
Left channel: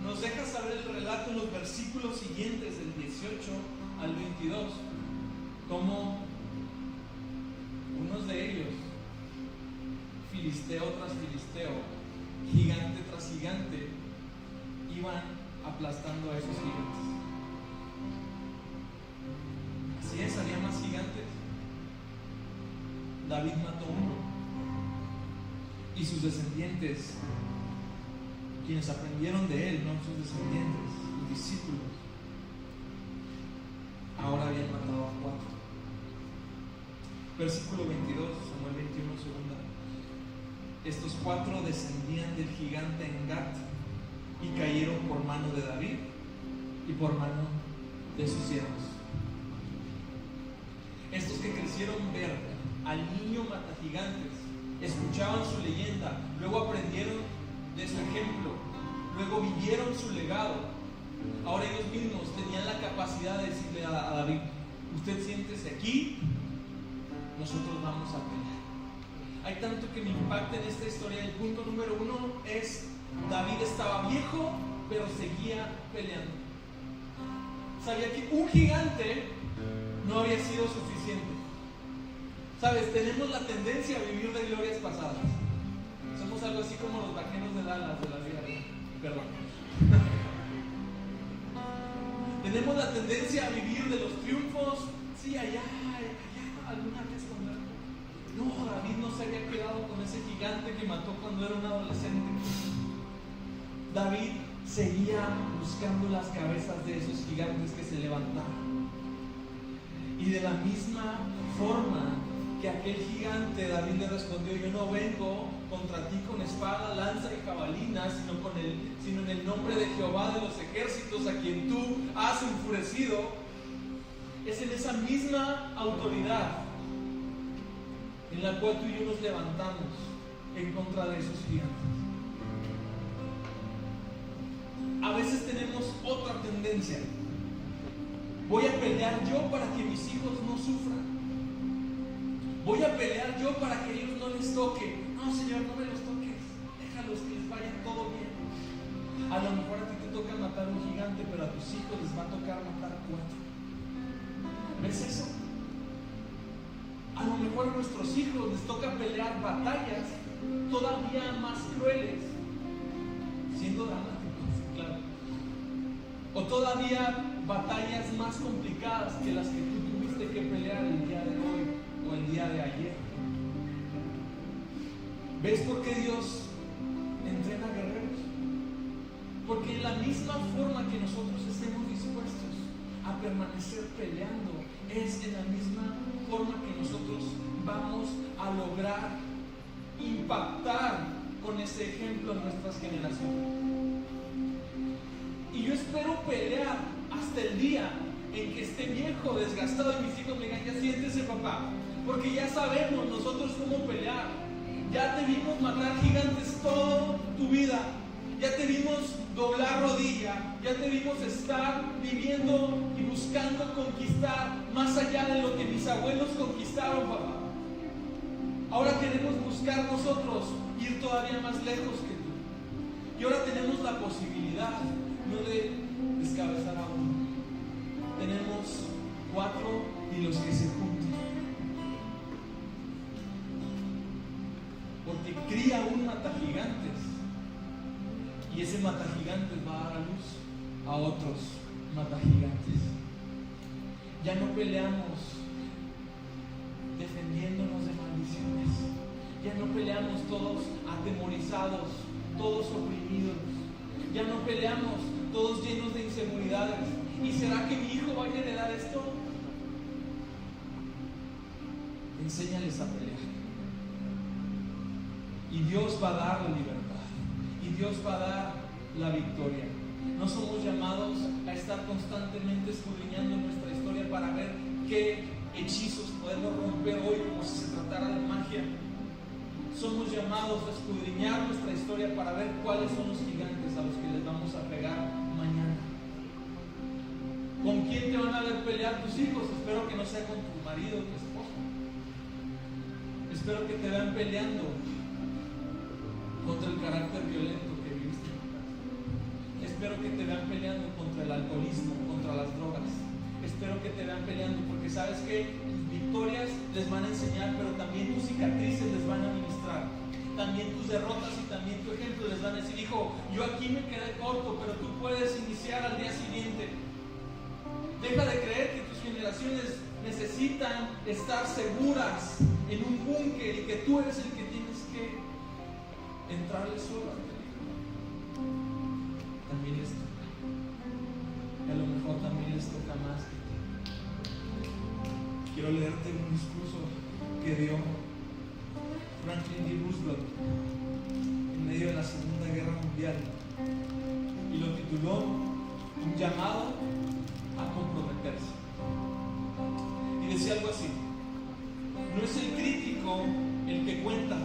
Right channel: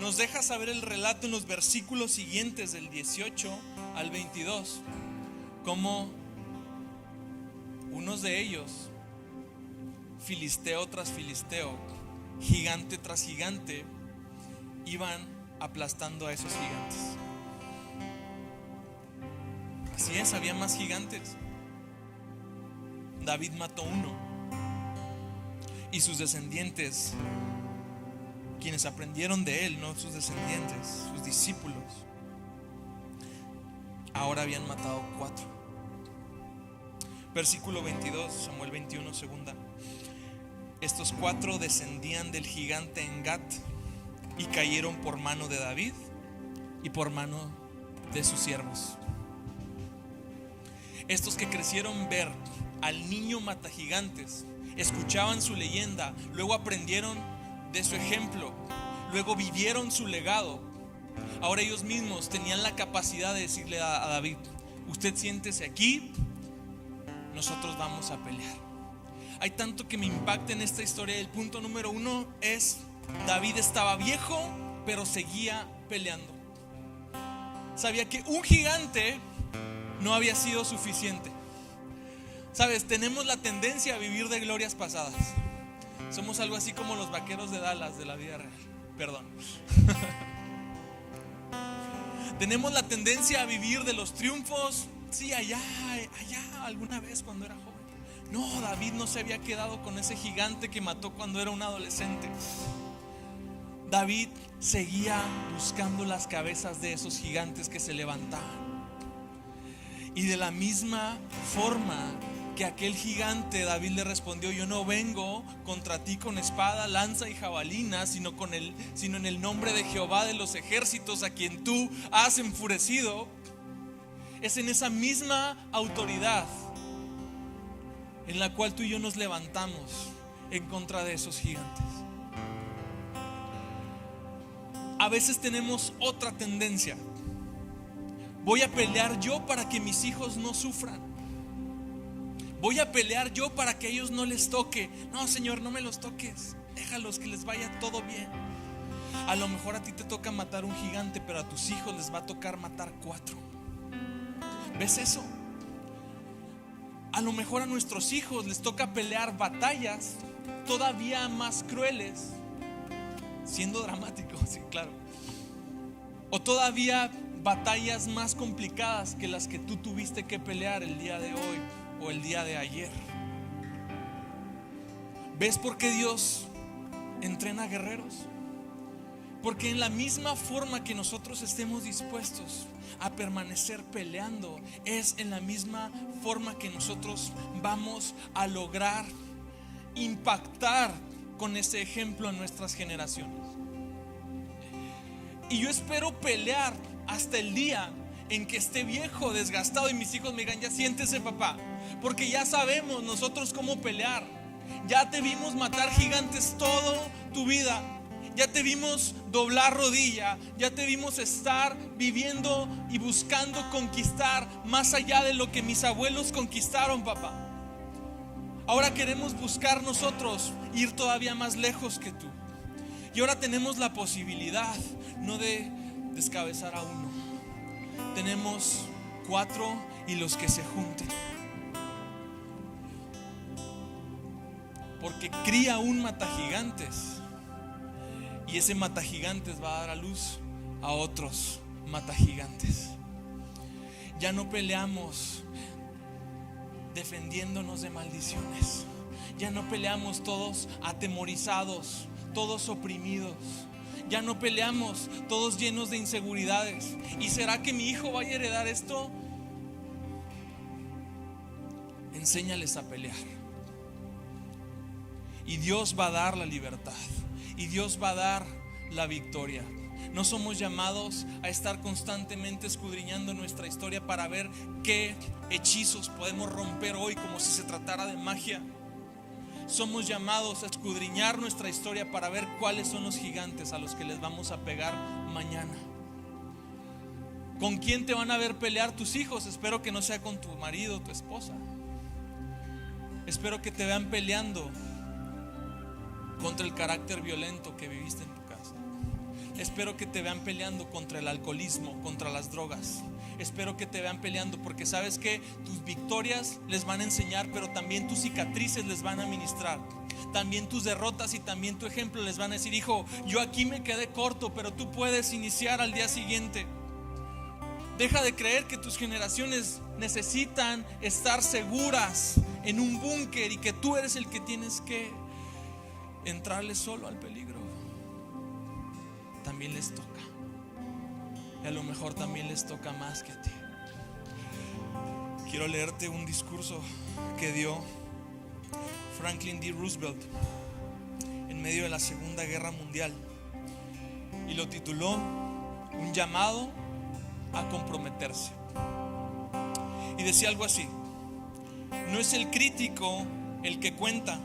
nos deja saber el relato en los versículos siguientes, del 18 al 22, como unos de ellos, filisteo tras filisteo, gigante tras gigante, iban aplastando a esos gigantes. Así es, había más gigantes. David mató uno, y sus descendientes, quienes aprendieron de él, no sus descendientes, sus discípulos, ahora habían matado 4. Versículo 22, Samuel 21, segunda. Estos 4 descendían del gigante en Gat y cayeron por mano de David y por mano de sus siervos. Estos que crecieron ver al niño matagigantes, escuchaban su leyenda, luego aprendieron de su ejemplo, luego vivieron su legado. Ahora ellos mismos tenían la capacidad de decirle a David: usted siéntese aquí, nosotros vamos a pelear. Hay tanto que me impacta en esta historia. El punto número 1 es: David estaba viejo, pero seguía peleando. Sabía que un gigante no había sido suficiente. Sabes, tenemos la tendencia a vivir de glorias pasadas. Somos algo así como los vaqueros de Dallas de la vida real. Perdón. Tenemos la tendencia a vivir de los triunfos. Sí, allá, alguna vez cuando era joven. No, David no se había quedado con ese gigante que mató cuando era un adolescente. David seguía buscando las cabezas de esos gigantes que se levantaban. Y de la misma forma que aquel gigante, David le respondió: yo no vengo contra ti con espada, lanza y jabalina, sino en el nombre de Jehová de los ejércitos, a quien tú has enfurecido. Es en esa misma autoridad en la cual tú y yo nos levantamos en contra de esos gigantes. A veces tenemos otra tendencia: voy a pelear yo para que mis hijos no sufran. Voy a pelear yo para que ellos no les toque. No, Señor, no me los toques. Déjalos, que les vaya todo bien. A lo mejor a ti te toca matar un gigante, pero a tus hijos les va a tocar matar 4. ¿Ves eso? A lo mejor a nuestros hijos les toca pelear batallas todavía más crueles, siendo dramático, sí, claro. O todavía batallas más complicadas que las que tú tuviste que pelear el día de hoy o el día de ayer. ¿Ves por qué Dios entrena guerreros? Porque en la misma forma que nosotros estemos dispuestos a permanecer peleando, es en la misma forma que nosotros vamos a lograr impactar con ese ejemplo a nuestras generaciones. Y yo espero pelear hasta el día en que esté viejo, desgastado, y mis hijos me digan: ya siéntese, papá, porque ya sabemos nosotros cómo pelear. Ya te vimos matar gigantes toda tu vida. Ya te vimos doblar rodilla. Ya te vimos estar viviendo y buscando conquistar más allá de lo que mis abuelos conquistaron, papá. Ahora queremos buscar nosotros ir todavía más lejos que tú. Y ahora tenemos la posibilidad no de descabezar a uno. Tenemos 4 y los que se junten. Porque cría un matagigantes, y ese matagigantes va a dar a luz a otros matagigantes. Ya no peleamos defendiéndonos de maldiciones. Ya no peleamos todos atemorizados, todos oprimidos. Ya no peleamos, todos llenos de inseguridades. ¿Y será que mi hijo vaya a heredar esto? Enséñales a pelear. Y Dios va a dar la libertad. Y Dios va a dar la victoria. No somos llamados a estar constantemente escudriñando nuestra historia para ver qué hechizos podemos romper hoy como si se tratara de magia. Somos llamados a escudriñar nuestra historia para ver cuáles son los gigantes a los que les vamos a pegar mañana. ¿Con quién te van a ver pelear tus hijos? Espero que no sea con tu marido o tu esposa. Espero que te vean peleando contra el carácter violento que viviste en tu casa. Espero que te vean peleando contra el alcoholismo, contra las drogas. Espero que te vean peleando porque sabes que tus victorias les van a enseñar, pero también tus cicatrices les van a ministrar. También tus derrotas y también tu ejemplo les van a decir: hijo, yo aquí me quedé corto, pero tú puedes iniciar al día siguiente. Deja de creer que tus generaciones necesitan estar seguras en un búnker y que tú eres el que tienes que entrarle solo al peligro. También les toca. Y a lo mejor también les toca más que a ti. Quiero leerte un discurso que dio Franklin D. Roosevelt en medio de la Segunda Guerra Mundial, y lo tituló Un llamado a comprometerse. Y decía algo así: no es el crítico el que cuenta,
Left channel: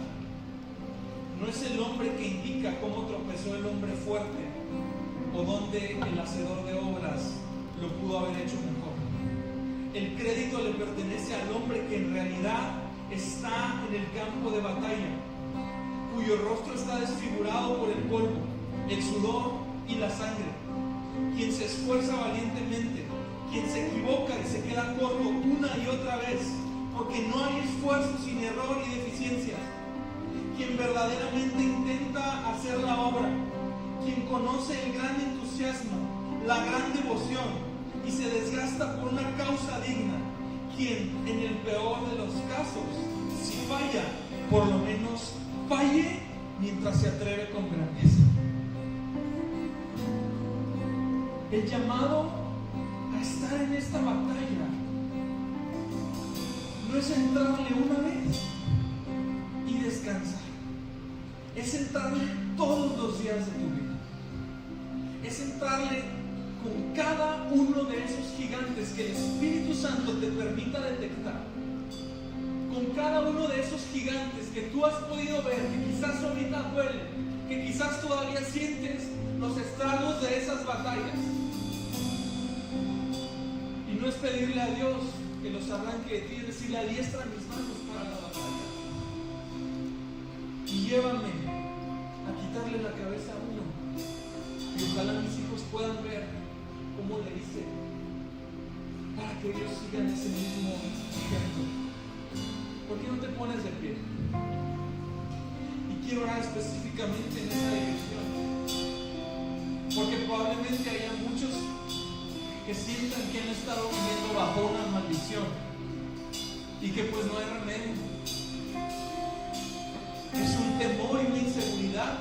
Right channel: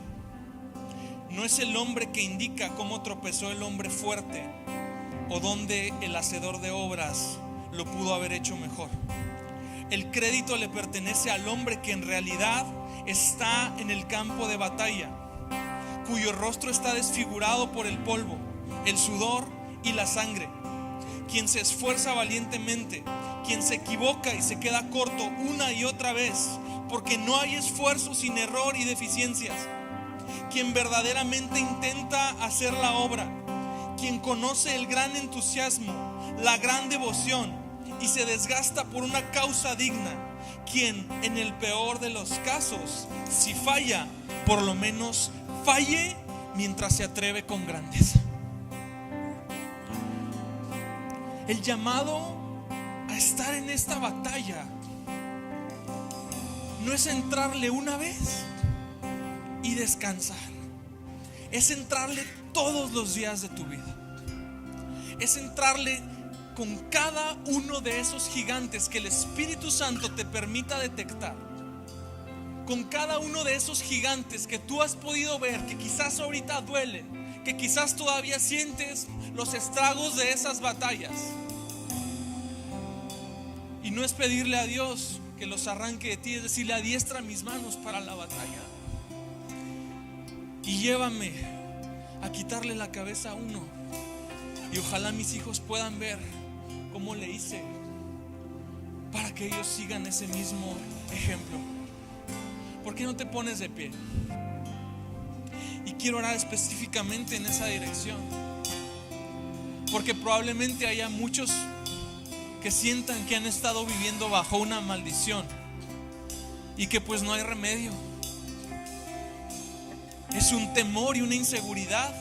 no es el hombre que indica cómo tropezó el hombre fuerte o dónde el hacedor de obras lo pudo haber hecho mejor. El crédito le pertenece al hombre que en realidad está en el campo de batalla, cuyo rostro está desfigurado por el polvo, el sudor y la sangre, quien se esfuerza valientemente, quien se equivoca y se queda corto una y otra vez, porque no hay esfuerzo sin error y deficiencias, quien verdaderamente intenta hacer la obra, quien conoce el gran entusiasmo, la gran devoción y se desgasta por una causa digna, quien en el peor de los casos, si falla, por lo menos falle mientras se atreve con grandeza. El llamado a estar en esta batalla no es entrarle una vez y descansar, es entrarle todos los días de tu vida, es entrarle con cada uno de esos gigantes que el Espíritu Santo te permita detectar, con cada uno de esos gigantes que tú has podido ver, que quizás ahorita duele, que quizás todavía sientes los estragos de esas batallas. Y no es pedirle a Dios que los arranque de ti, es decirle: adiestra mis manos para la batalla y llévame a quitarle la cabeza a uno, y ojalá mis hijos puedan ver cómo le hice, para que ellos sigan ese mismo ejemplo. ¿Por qué no te pones de pie? Y quiero orar específicamente en esa dirección, porque probablemente haya muchos que sientan que han estado viviendo bajo una maldición y que pues no hay remedio. Es un temor y una inseguridad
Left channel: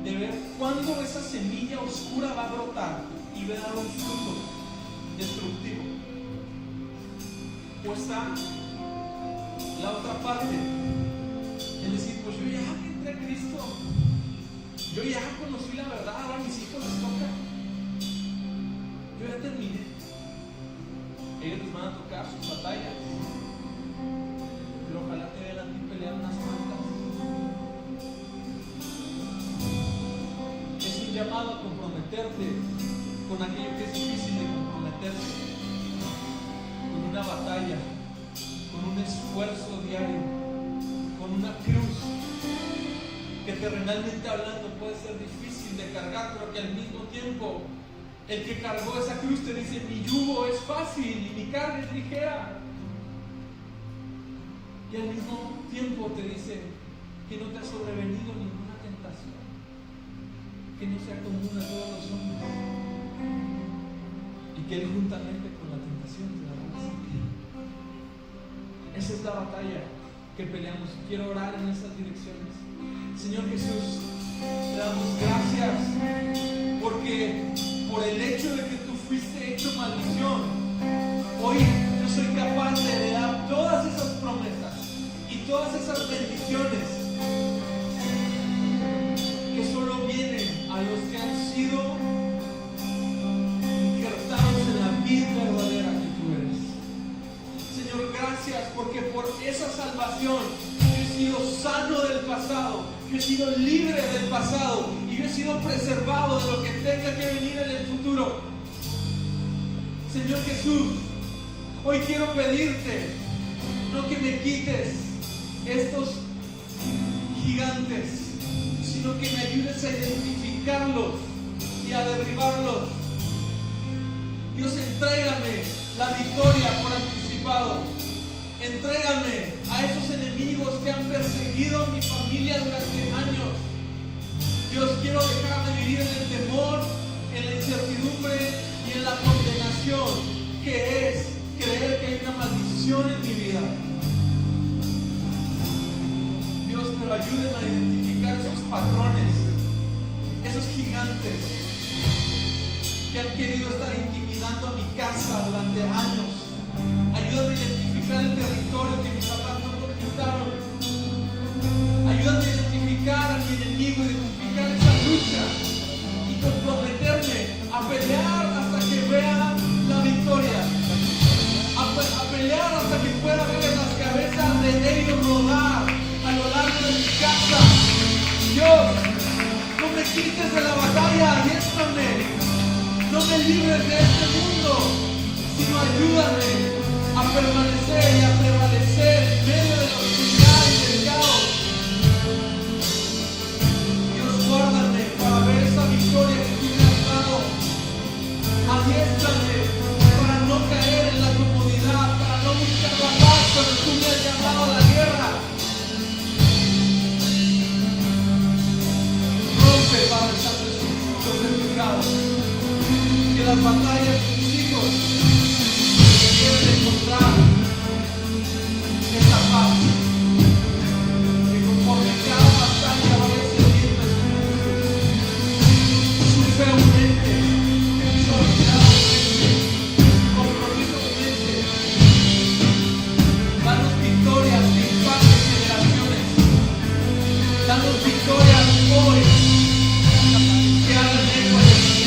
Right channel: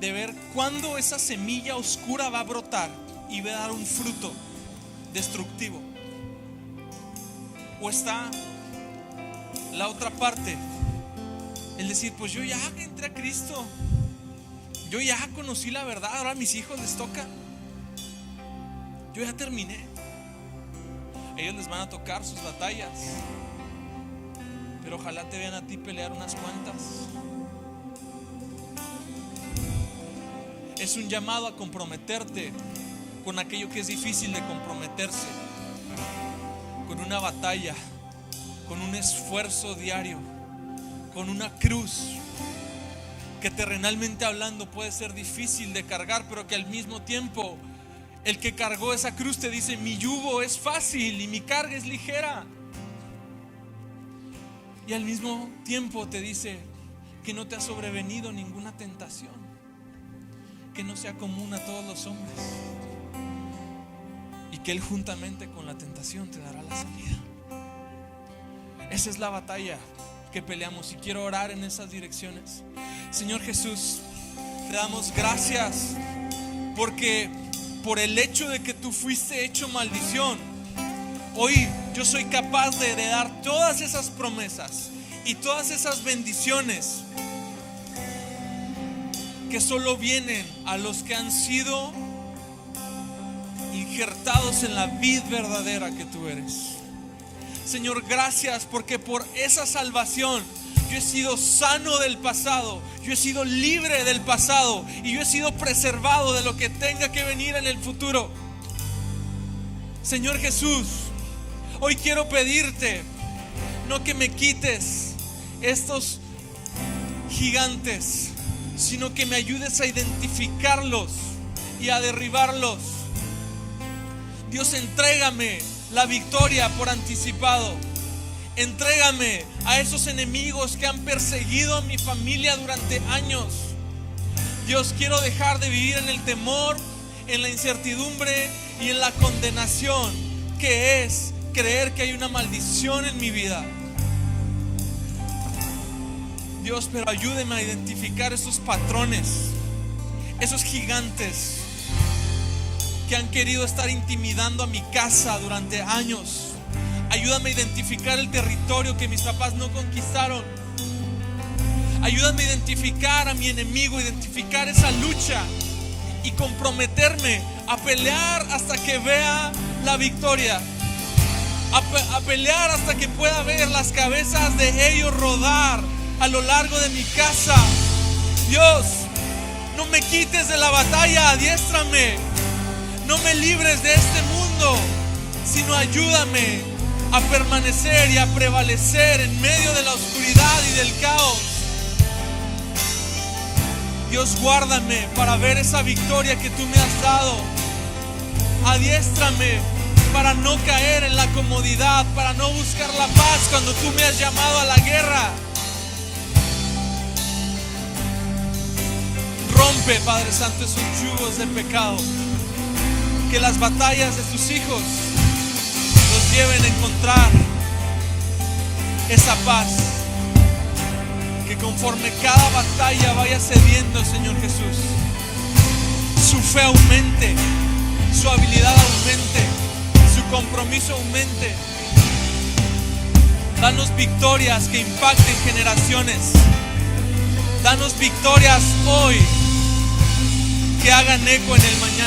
de ver cuándo esa semilla oscura va a brotar y va a dar un fruto destructivo. O está la otra parte, el decir: pues yo ya entré a Cristo, yo ya conocí la verdad, ahora a mis hijos les toca, yo ya terminé. Ellos les van a tocar sus batallas, pero ojalá te vean a ti pelear unas cuantas. Es un llamado a comprometerte con aquello que es difícil de comprometerse, con una batalla, con un esfuerzo diario, con una cruz que terrenalmente hablando puede ser difícil de cargar, pero que al mismo tiempo el que cargó esa cruz te dice: mi yugo es fácil y mi carga es ligera. Y al mismo tiempo te dice que no te ha sobrevenido ninguna tentación que no sea común a todos los hombres, y que Él juntamente con la tentación te dará la salida. Esa es la batalla que peleamos, y quiero orar en esas direcciones. Señor Jesús, te damos gracias porque por el hecho de que tú fuiste hecho maldición, hoy yo soy capaz de heredar todas esas promesas y todas esas bendiciones que solo vienen a los que han sido injertados en la vid verdadera que tú eres. Señor, gracias porque por esa salvación yo he sido sano del pasado, yo he sido libre del pasado y yo he sido preservado de lo que tenga que venir en el futuro. Señor Jesús, hoy quiero pedirte, no que me quites estos gigantes, sino que me ayudes a identificarlos y a derribarlos. Dios, entrégame la victoria por anticipado. Entrégame a esos enemigos que han perseguido a mi familia durante años. Dios, quiero dejar de vivir en el temor, en la incertidumbre y en la condenación, que es creer que hay una maldición en mi vida. Dios, pero ayúdeme a identificar esos patrones, esos gigantes que han querido estar intimidando a mi casa durante años. Ayúdame a identificar el territorio que mis papás no conquistaron. Ayúdame a identificar a mi enemigo, identificar esa lucha y comprometerme a pelear hasta que vea la victoria. A pelear hasta que pueda ver las cabezas de ellos rodar a lo largo de mi casa. Dios, no me quites de la batalla, adiéstrame. No me libres de este mundo, sino ayúdame a permanecer y a prevalecer en medio de la oscuridad y del caos. Dios, guárdame para ver esa victoria que tú me has dado. Adiéstrame para no caer en la comodidad, para no buscar la paz cuando tú me has llamado a la guerra. Rompe, Padre Santo, esos yugos del pecado. Que las batallas de tus hijos nos lleven a encontrar esa paz. Que conforme cada batalla vaya cediendo, Señor Jesús, su fe aumente, su habilidad aumente, su compromiso aumente. Danos victorias que impacten generaciones. Danos victorias hoy que hagan eco en el mañana.